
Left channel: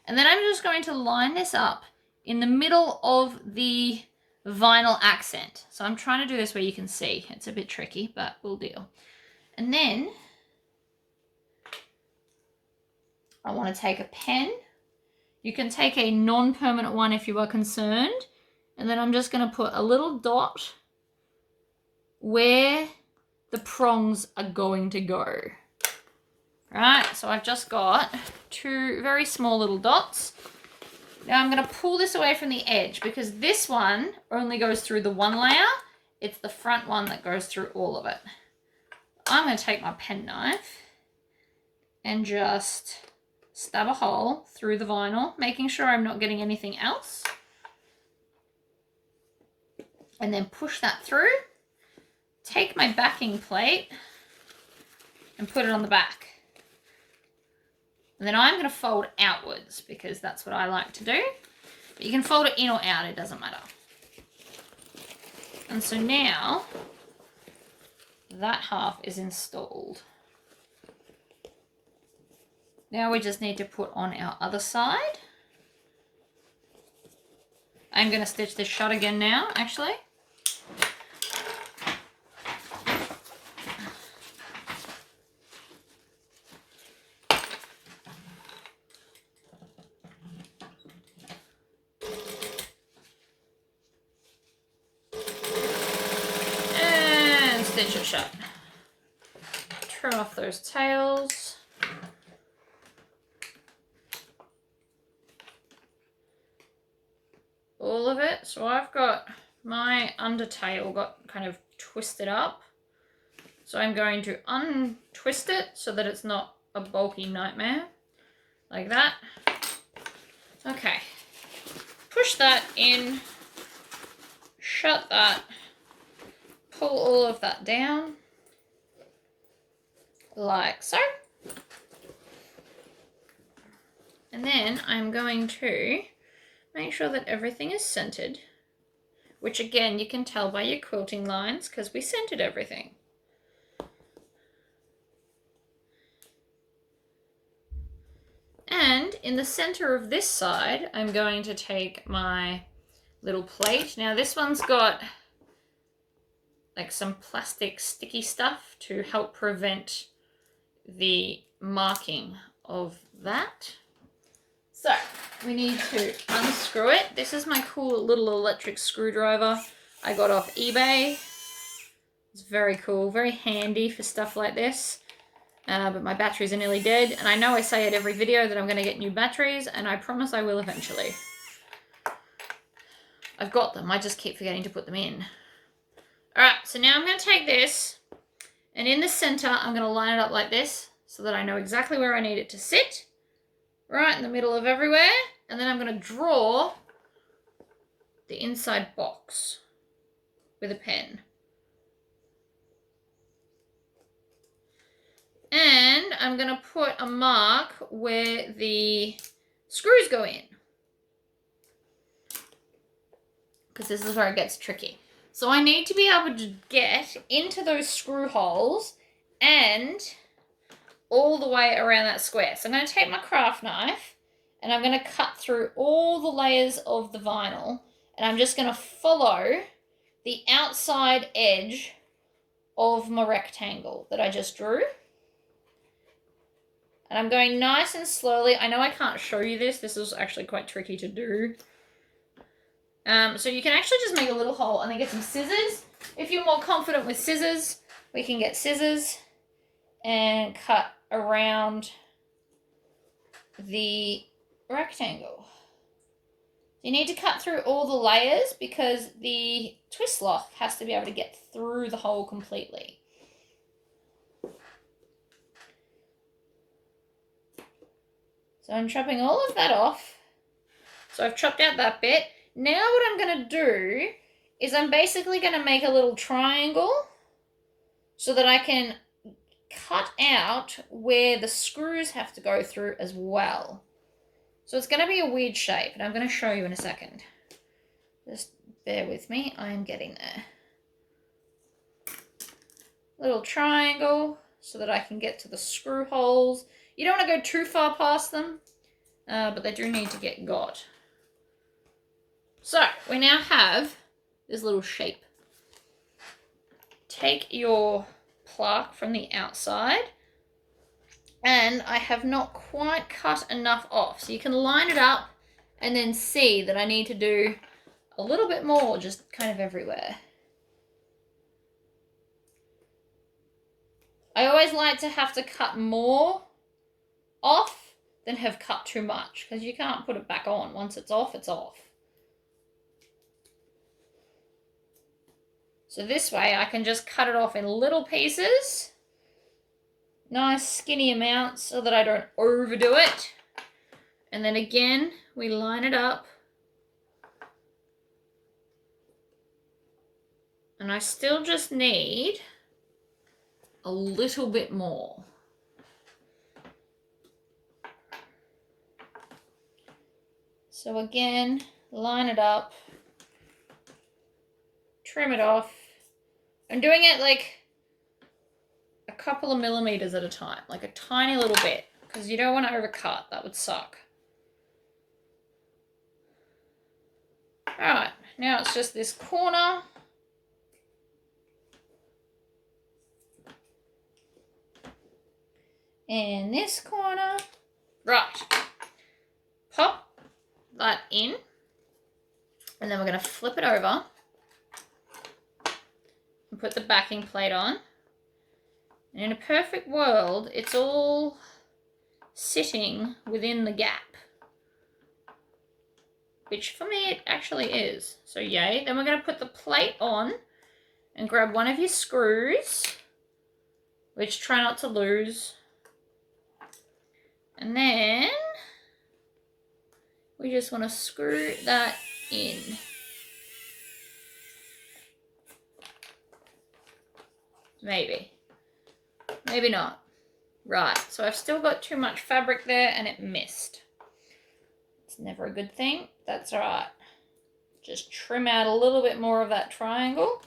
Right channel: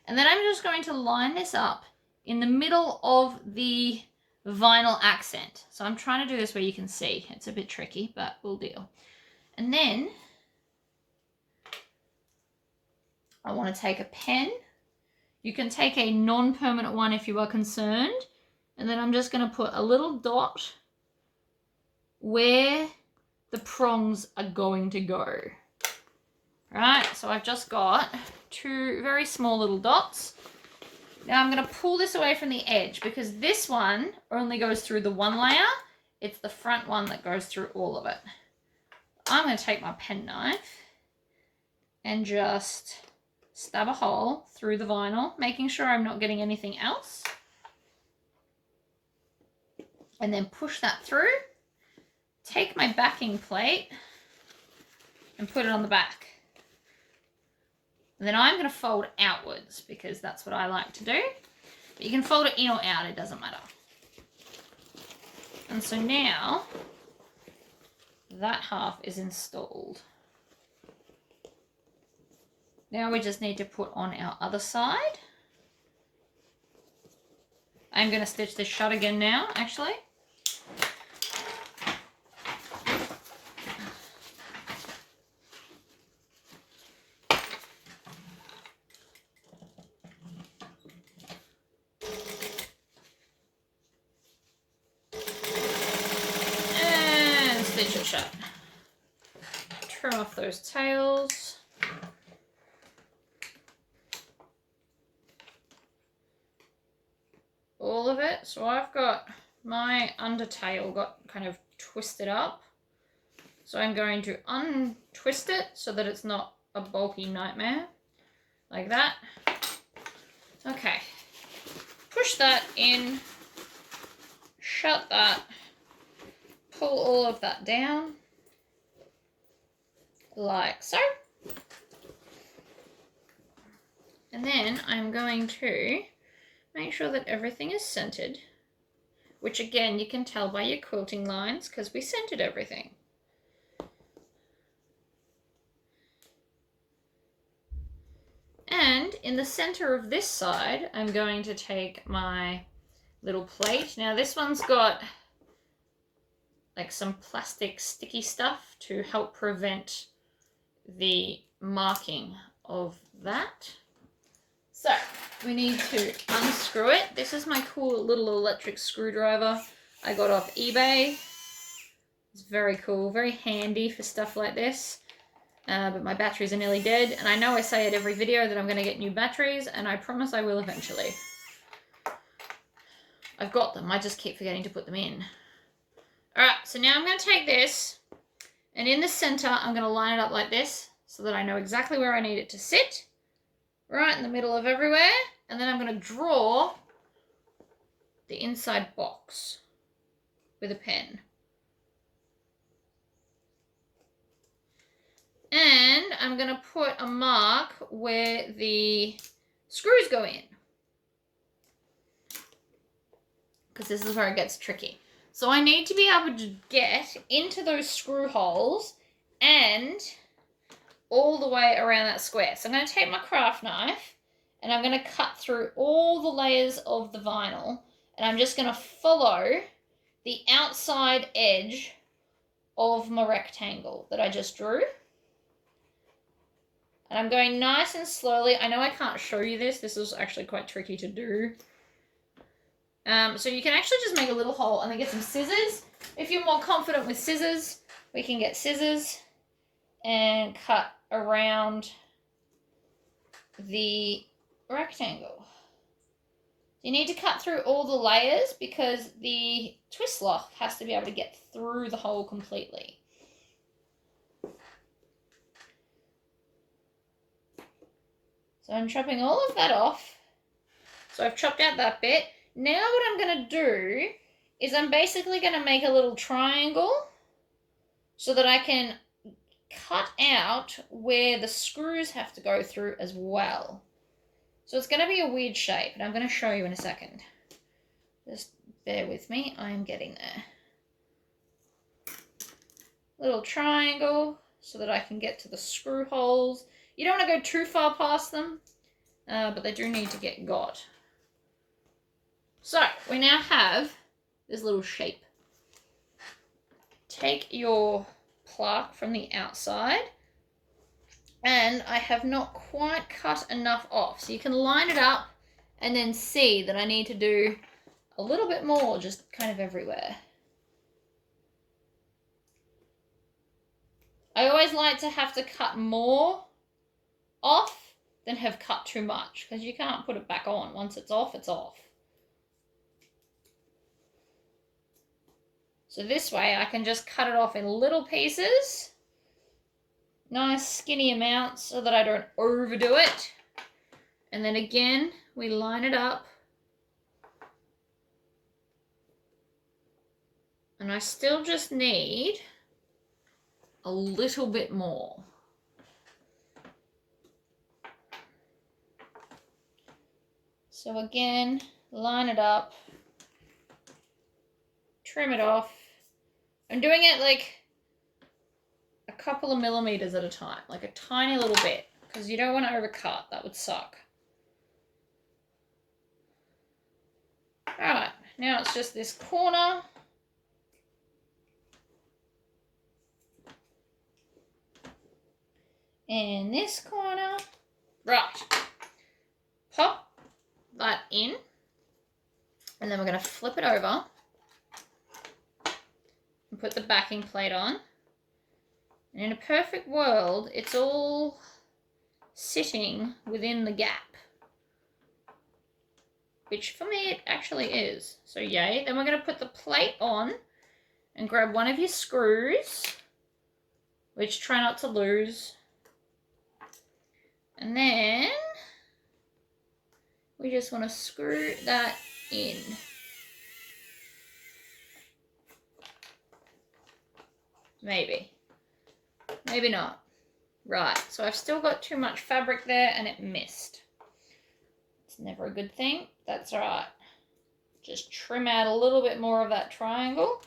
And then I'm just going to line this up in the middle of the vinyl accent. So I'm trying to do this where you can see. It's a bit tricky, but we'll deal. And then I want to take a pen. You can take a non-permanent one if you are concerned. And then I'm just going to put a little dot where the prongs are going to go. Right, so I've just got 2 very small little dots. Now I'm going to pull this away from the edge because this one only goes through the one layer. It's the front one that goes through all of it. I'm going to take my penknife and just stab a hole through the vinyl, making sure I'm not getting anything else. And then push that through. Take my backing plate and put it on the back. And then I'm going to fold outwards because that's what I like to do. But you can fold it in or out, it doesn't matter. And so now that half is installed. Now we just need to put on our other side. I'm going to stitch this shut again now, actually. Stitch it shut. Trim off those tails. All of it. So I've got my undertail got kind of twisted up. So I'm going to untwist it so that it's not a bulky nightmare. Like that. Okay. Push that in. Shut that. Pull all of that down, like so. And then I'm going to make sure that everything is centered, which again, you can tell by your quilting lines because we centered everything. And in the center of this side, I'm going to take my little plate. Now this one's got like some plastic sticky stuff to help prevent the marking of that. So we need to unscrew it. This is my cool little electric screwdriver I got off eBay. It's very cool, very handy for stuff like this. But my batteries are nearly dead, and I know I say at every video that I'm going to get new batteries, and I promise I will eventually. I've got them, I just keep forgetting to put them in. Alright, so now I'm going to take this, and in the center, I'm going to line it up like this, so that I know exactly where I need it to sit. Right in the middle of everywhere. And then I'm going to draw the inside box with a pen. And I'm going to put a mark where the screws go in. Because this is where it gets tricky. So I need to be able to get into those screw holes and all the way around that square. So I'm going to take my craft knife and I'm going to cut through all the layers of the vinyl, and I'm just going to follow the outside edge of my rectangle that I just drew. And I'm going nice and slowly. I know I can't show you this. This is actually quite tricky to do. So you can actually just make a little hole and then get some scissors. If you're more confident with scissors, we can get scissors and cut around the rectangle. You need to cut through all the layers because the twist lock has to be able to get through the hole completely. So I'm chopping all of that off. So I've chopped out that bit. Now what I'm going to do is I'm basically going to make a little triangle so that I can cut out where the screws have to go through as well. So it's going to be a weird shape, and I'm going to show you in a second. Just bear with me, I'm getting there. Little triangle so that I can get to the screw holes. You don't want to go too far past them, but they do need to get got. So we now have this little shape. Take your plaque from the outside, and I have not quite cut enough off. So you can line it up and then see that I need to do a little bit more just kind of everywhere. I always like to have to cut more off than have cut too much, because you can't put it back on. Once it's off, it's off. So this way I can just cut it off in little pieces, nice skinny amounts, so that I don't overdo it. And then again, we line it up. And I still just need a little bit more. So again, line it up, trim it off. I'm doing it like a couple of millimeters at a time, like a tiny little bit, because you don't want to overcut. That would suck. All right, now it's just this corner. And this corner. Right. Pop that in. And then we're going to flip it over and put the backing plate on. And in a perfect world, it's all sitting within the gap, which for me it actually is. So yay. Then we're going to put the plate on and grab one of your screws, which try not to lose. And then we just want to screw that in. Maybe. Maybe not. Right, so I've still got too much fabric there and it missed. It's never a good thing. That's all right. Just trim out a little bit more of that triangle.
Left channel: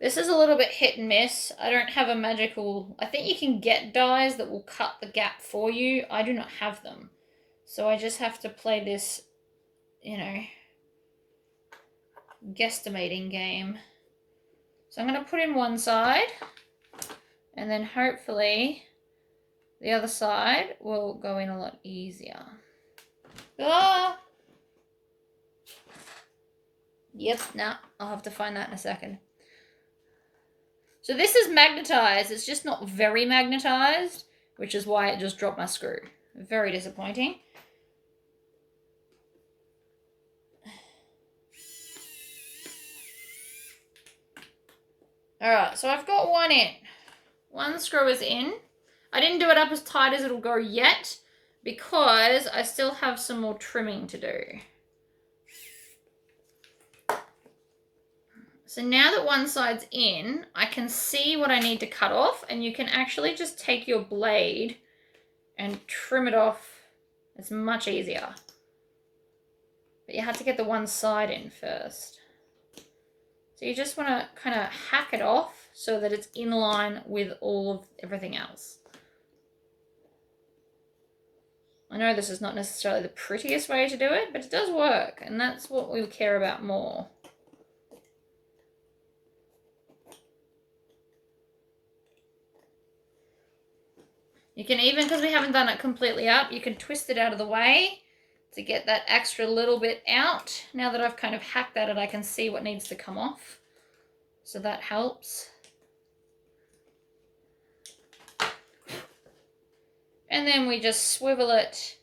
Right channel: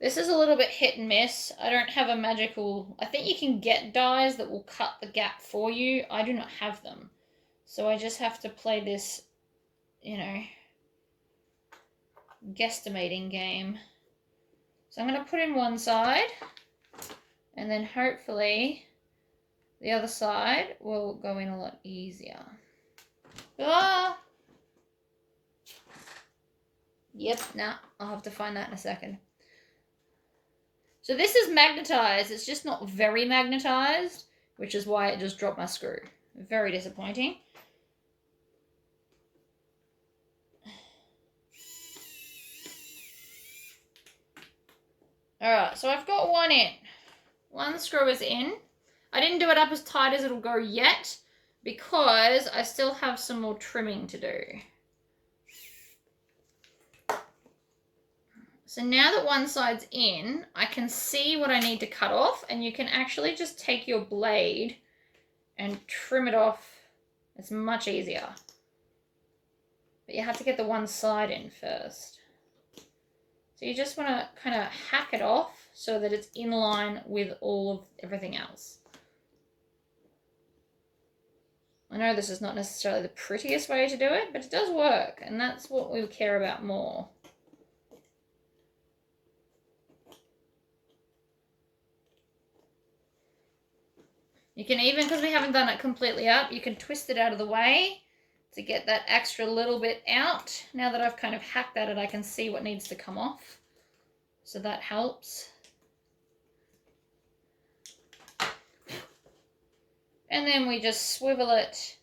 This is a little bit hit and miss. I don't have a magical... I think you can get dies that will cut the gap for you. I do not have them. So I just have to play this, you know, guesstimating game. So I'm going to put in one side, and then hopefully the other side will go in a lot easier. Ah! Yep, nah, I'll have to find that in a second. So this is magnetized. It's just not very magnetized, which is why it just dropped my screw. Very disappointing. All right, so I've got one in. One screw is in. I didn't do it up as tight as it'll go yet because I still have some more trimming to do. So now that one side's in, I can see what I need to cut off, and you can actually just take your blade and trim it off. It's much easier. But you have to get the one side in first. So you just want to kind of hack it off so that it's in line with all of everything else. I know this is not necessarily the prettiest way to do it, but it does work, and that's what we care about more. You can even, because we haven't done it completely up, you can twist it out of the way to get that extra little bit out. Now that I've kind of hacked at it, I can see what needs to come off. So that helps. And then we just swivel it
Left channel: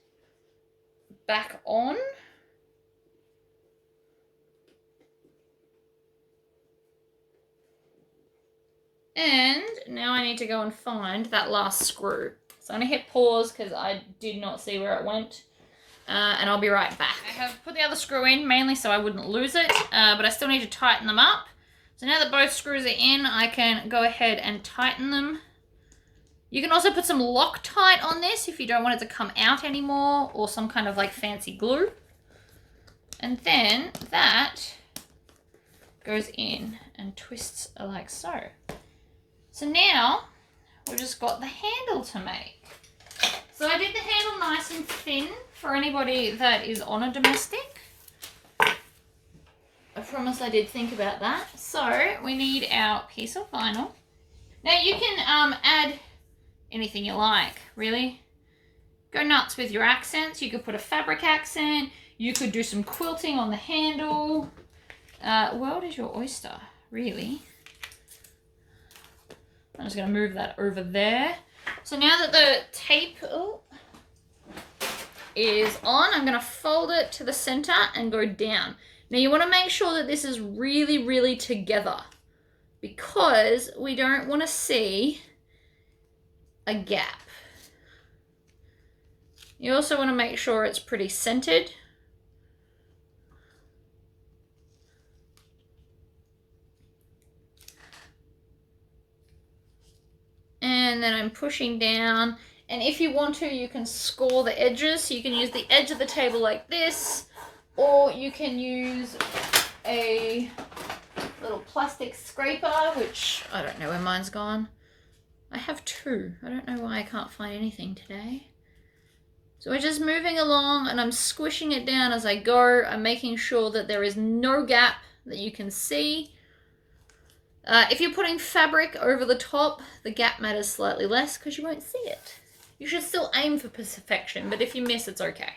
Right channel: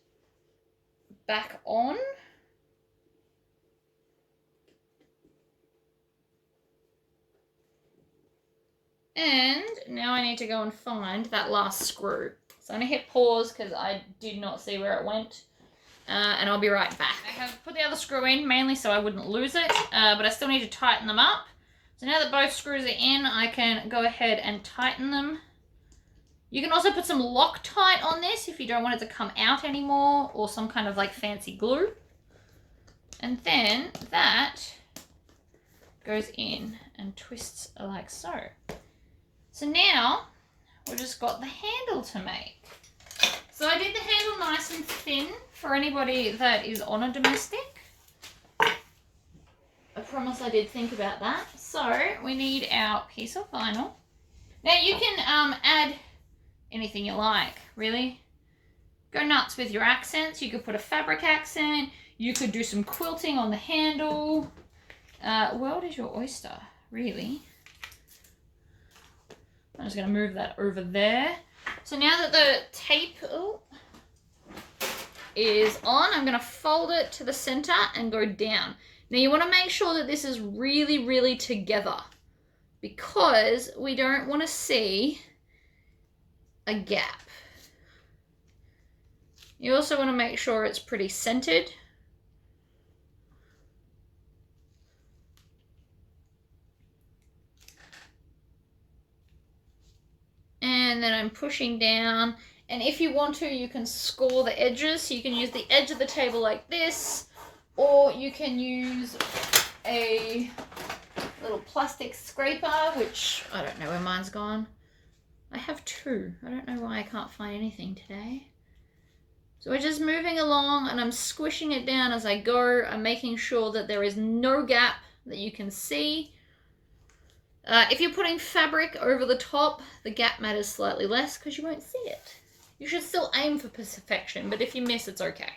back on. And now I need to go and find that last screw. So I'm going to hit pause because I did not see where it went. And I'll be right back. I have put the other screw in mainly so I wouldn't lose it, but I still need to tighten them up. So now that both screws are in, I can go ahead and tighten them. You can also put some Loctite on this if you don't want it to come out anymore, or some kind of like fancy glue. And then that goes in and twists like so. So now we've just got the handle to make. So I did the handle nice and thin for anybody that is on a domestic. I promise I did think about that. So we need our piece of vinyl. Now you can add anything you like, really. Go nuts with your accents. You could put a fabric accent. You could do some quilting on the handle. World is your oyster, really. I'm just going to move that over there. So now that the tape is on, I'm going to fold it to the center and go down. Now you want to make sure that this is really, really together because we don't want to see a gap. You also want to make sure it's pretty centered. And then I'm pushing down. And if you want to, you can score the edges. So you can use the edge of the table like this, or you can use a little plastic scraper, which I don't know where mine's gone. I have two. I don't know why I can't find anything today. So we're just moving along and I'm squishing it down as I go. I'm making sure that there is no gap that you can see. If you're putting fabric over the top, the gap matters slightly less because you won't see it. You should still aim for perfection, but if you miss, it's okay.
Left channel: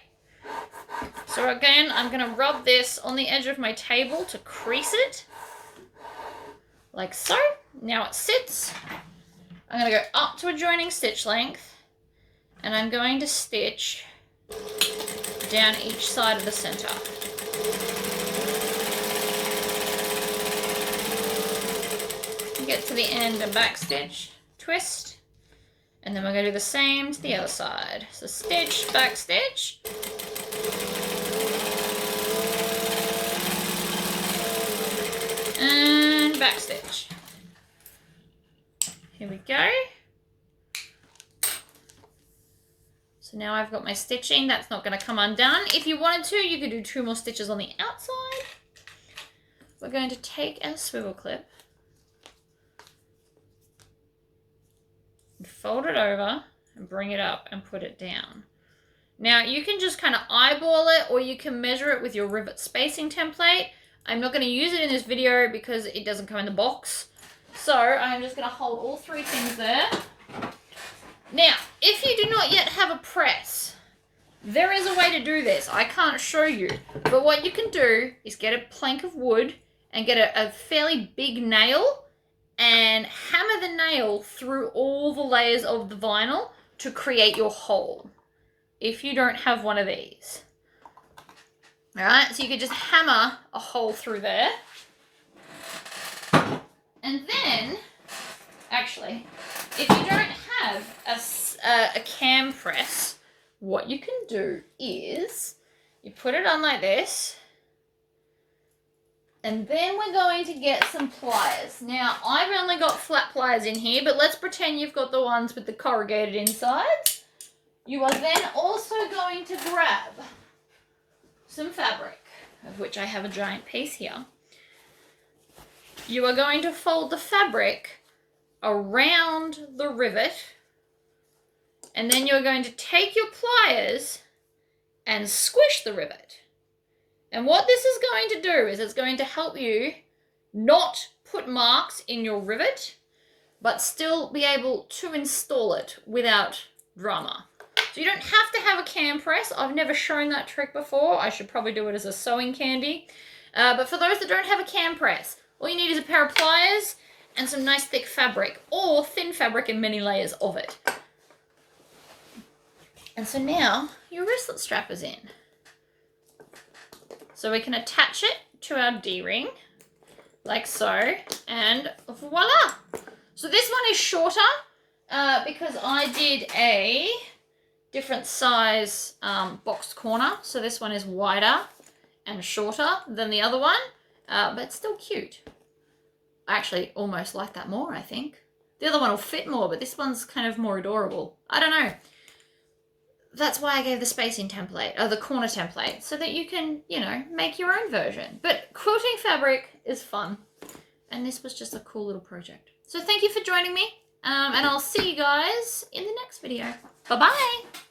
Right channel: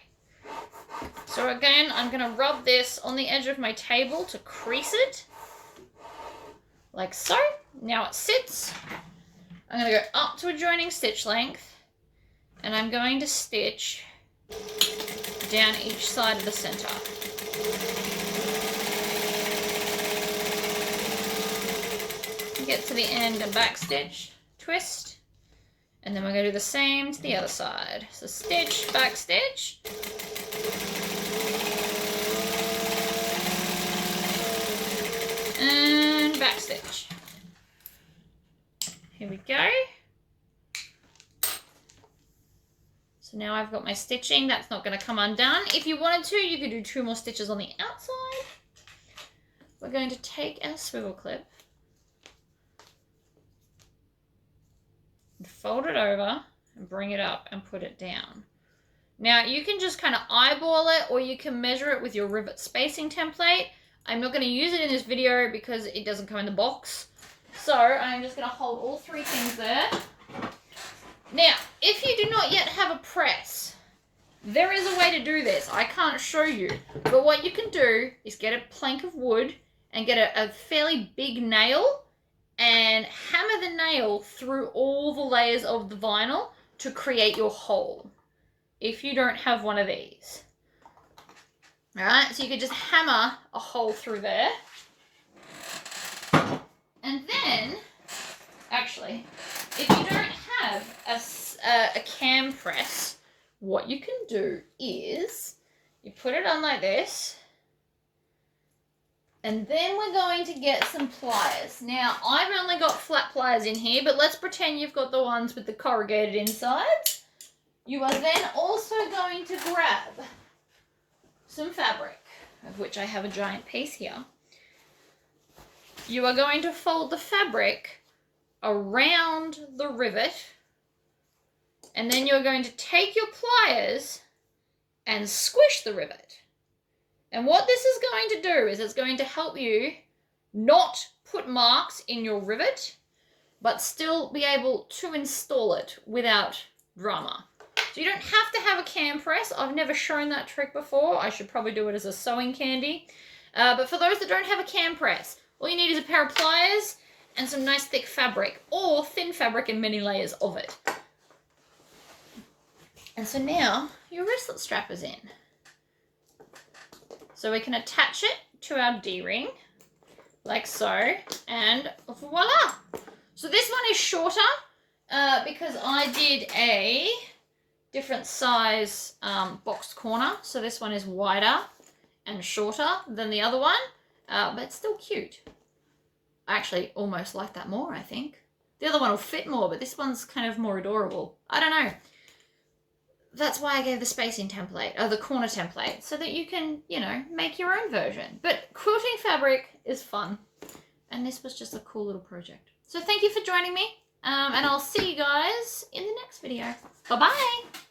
So again, I'm going to rub this on the edge of my table to crease it, like so. Now it sits. I'm going to go up to a joining stitch length, and I'm going to stitch down each side of the center. Get to the end and back stitch, twist, and then we're going to do the same to the other side. So stitch, back stitch, and back stitch. Here we go. So now I've got my stitching. That's not going to come undone. If you wanted to, you could do 2 more stitches on the outside. We're going to take our swivel clip, fold it over and bring it up and put it down. Now you can just kind of eyeball it, or you can measure it with your rivet spacing template. I'm not going to use it in this video because it doesn't come in the box. So I'm just going to hold all 3 things there. Now, if you do not yet have a press, there is a way to do this. I can't show you, but what you can do is get a plank of wood and get a fairly big nail and hammer the nail through all the layers of the vinyl to create your hole, if you don't have one of these. All right, so you could just hammer a hole through there. And then, actually, if you don't have a cam press, what you can do is you put it on like this, and then we're going to get some pliers. Now, I've only got flat pliers in here, but let's pretend you've got the ones with the corrugated insides. You are then also going to grab some fabric, of which I have a giant piece here. You are going to fold the fabric around the rivet, and then you're going to take your pliers and squish the rivet. And what this is going to do is it's going to help you not put marks in your rivet, but still be able to install it without drama. So you don't have to have a cam press. I've never shown that trick before. I should probably do it as a sewing candy. But for those that don't have a cam press, all you need is a pair of pliers and some nice thick fabric, or thin fabric and many layers of it. And so now your wristlet strap is in. So we can attach it to our D-ring, like so, and voila! So this one is shorter because I did a different size boxed corner. So this one is wider and shorter than the other one, but it's still cute. I actually almost like that more, I think. The other one will fit more, but this one's kind of more adorable. I don't know. That's why I gave the spacing template, or the corner template, so that you can, you know, make your own version. But quilting fabric is fun, and this was just a cool little project. So thank you for joining me, and I'll see you guys in the next video. Bye-bye!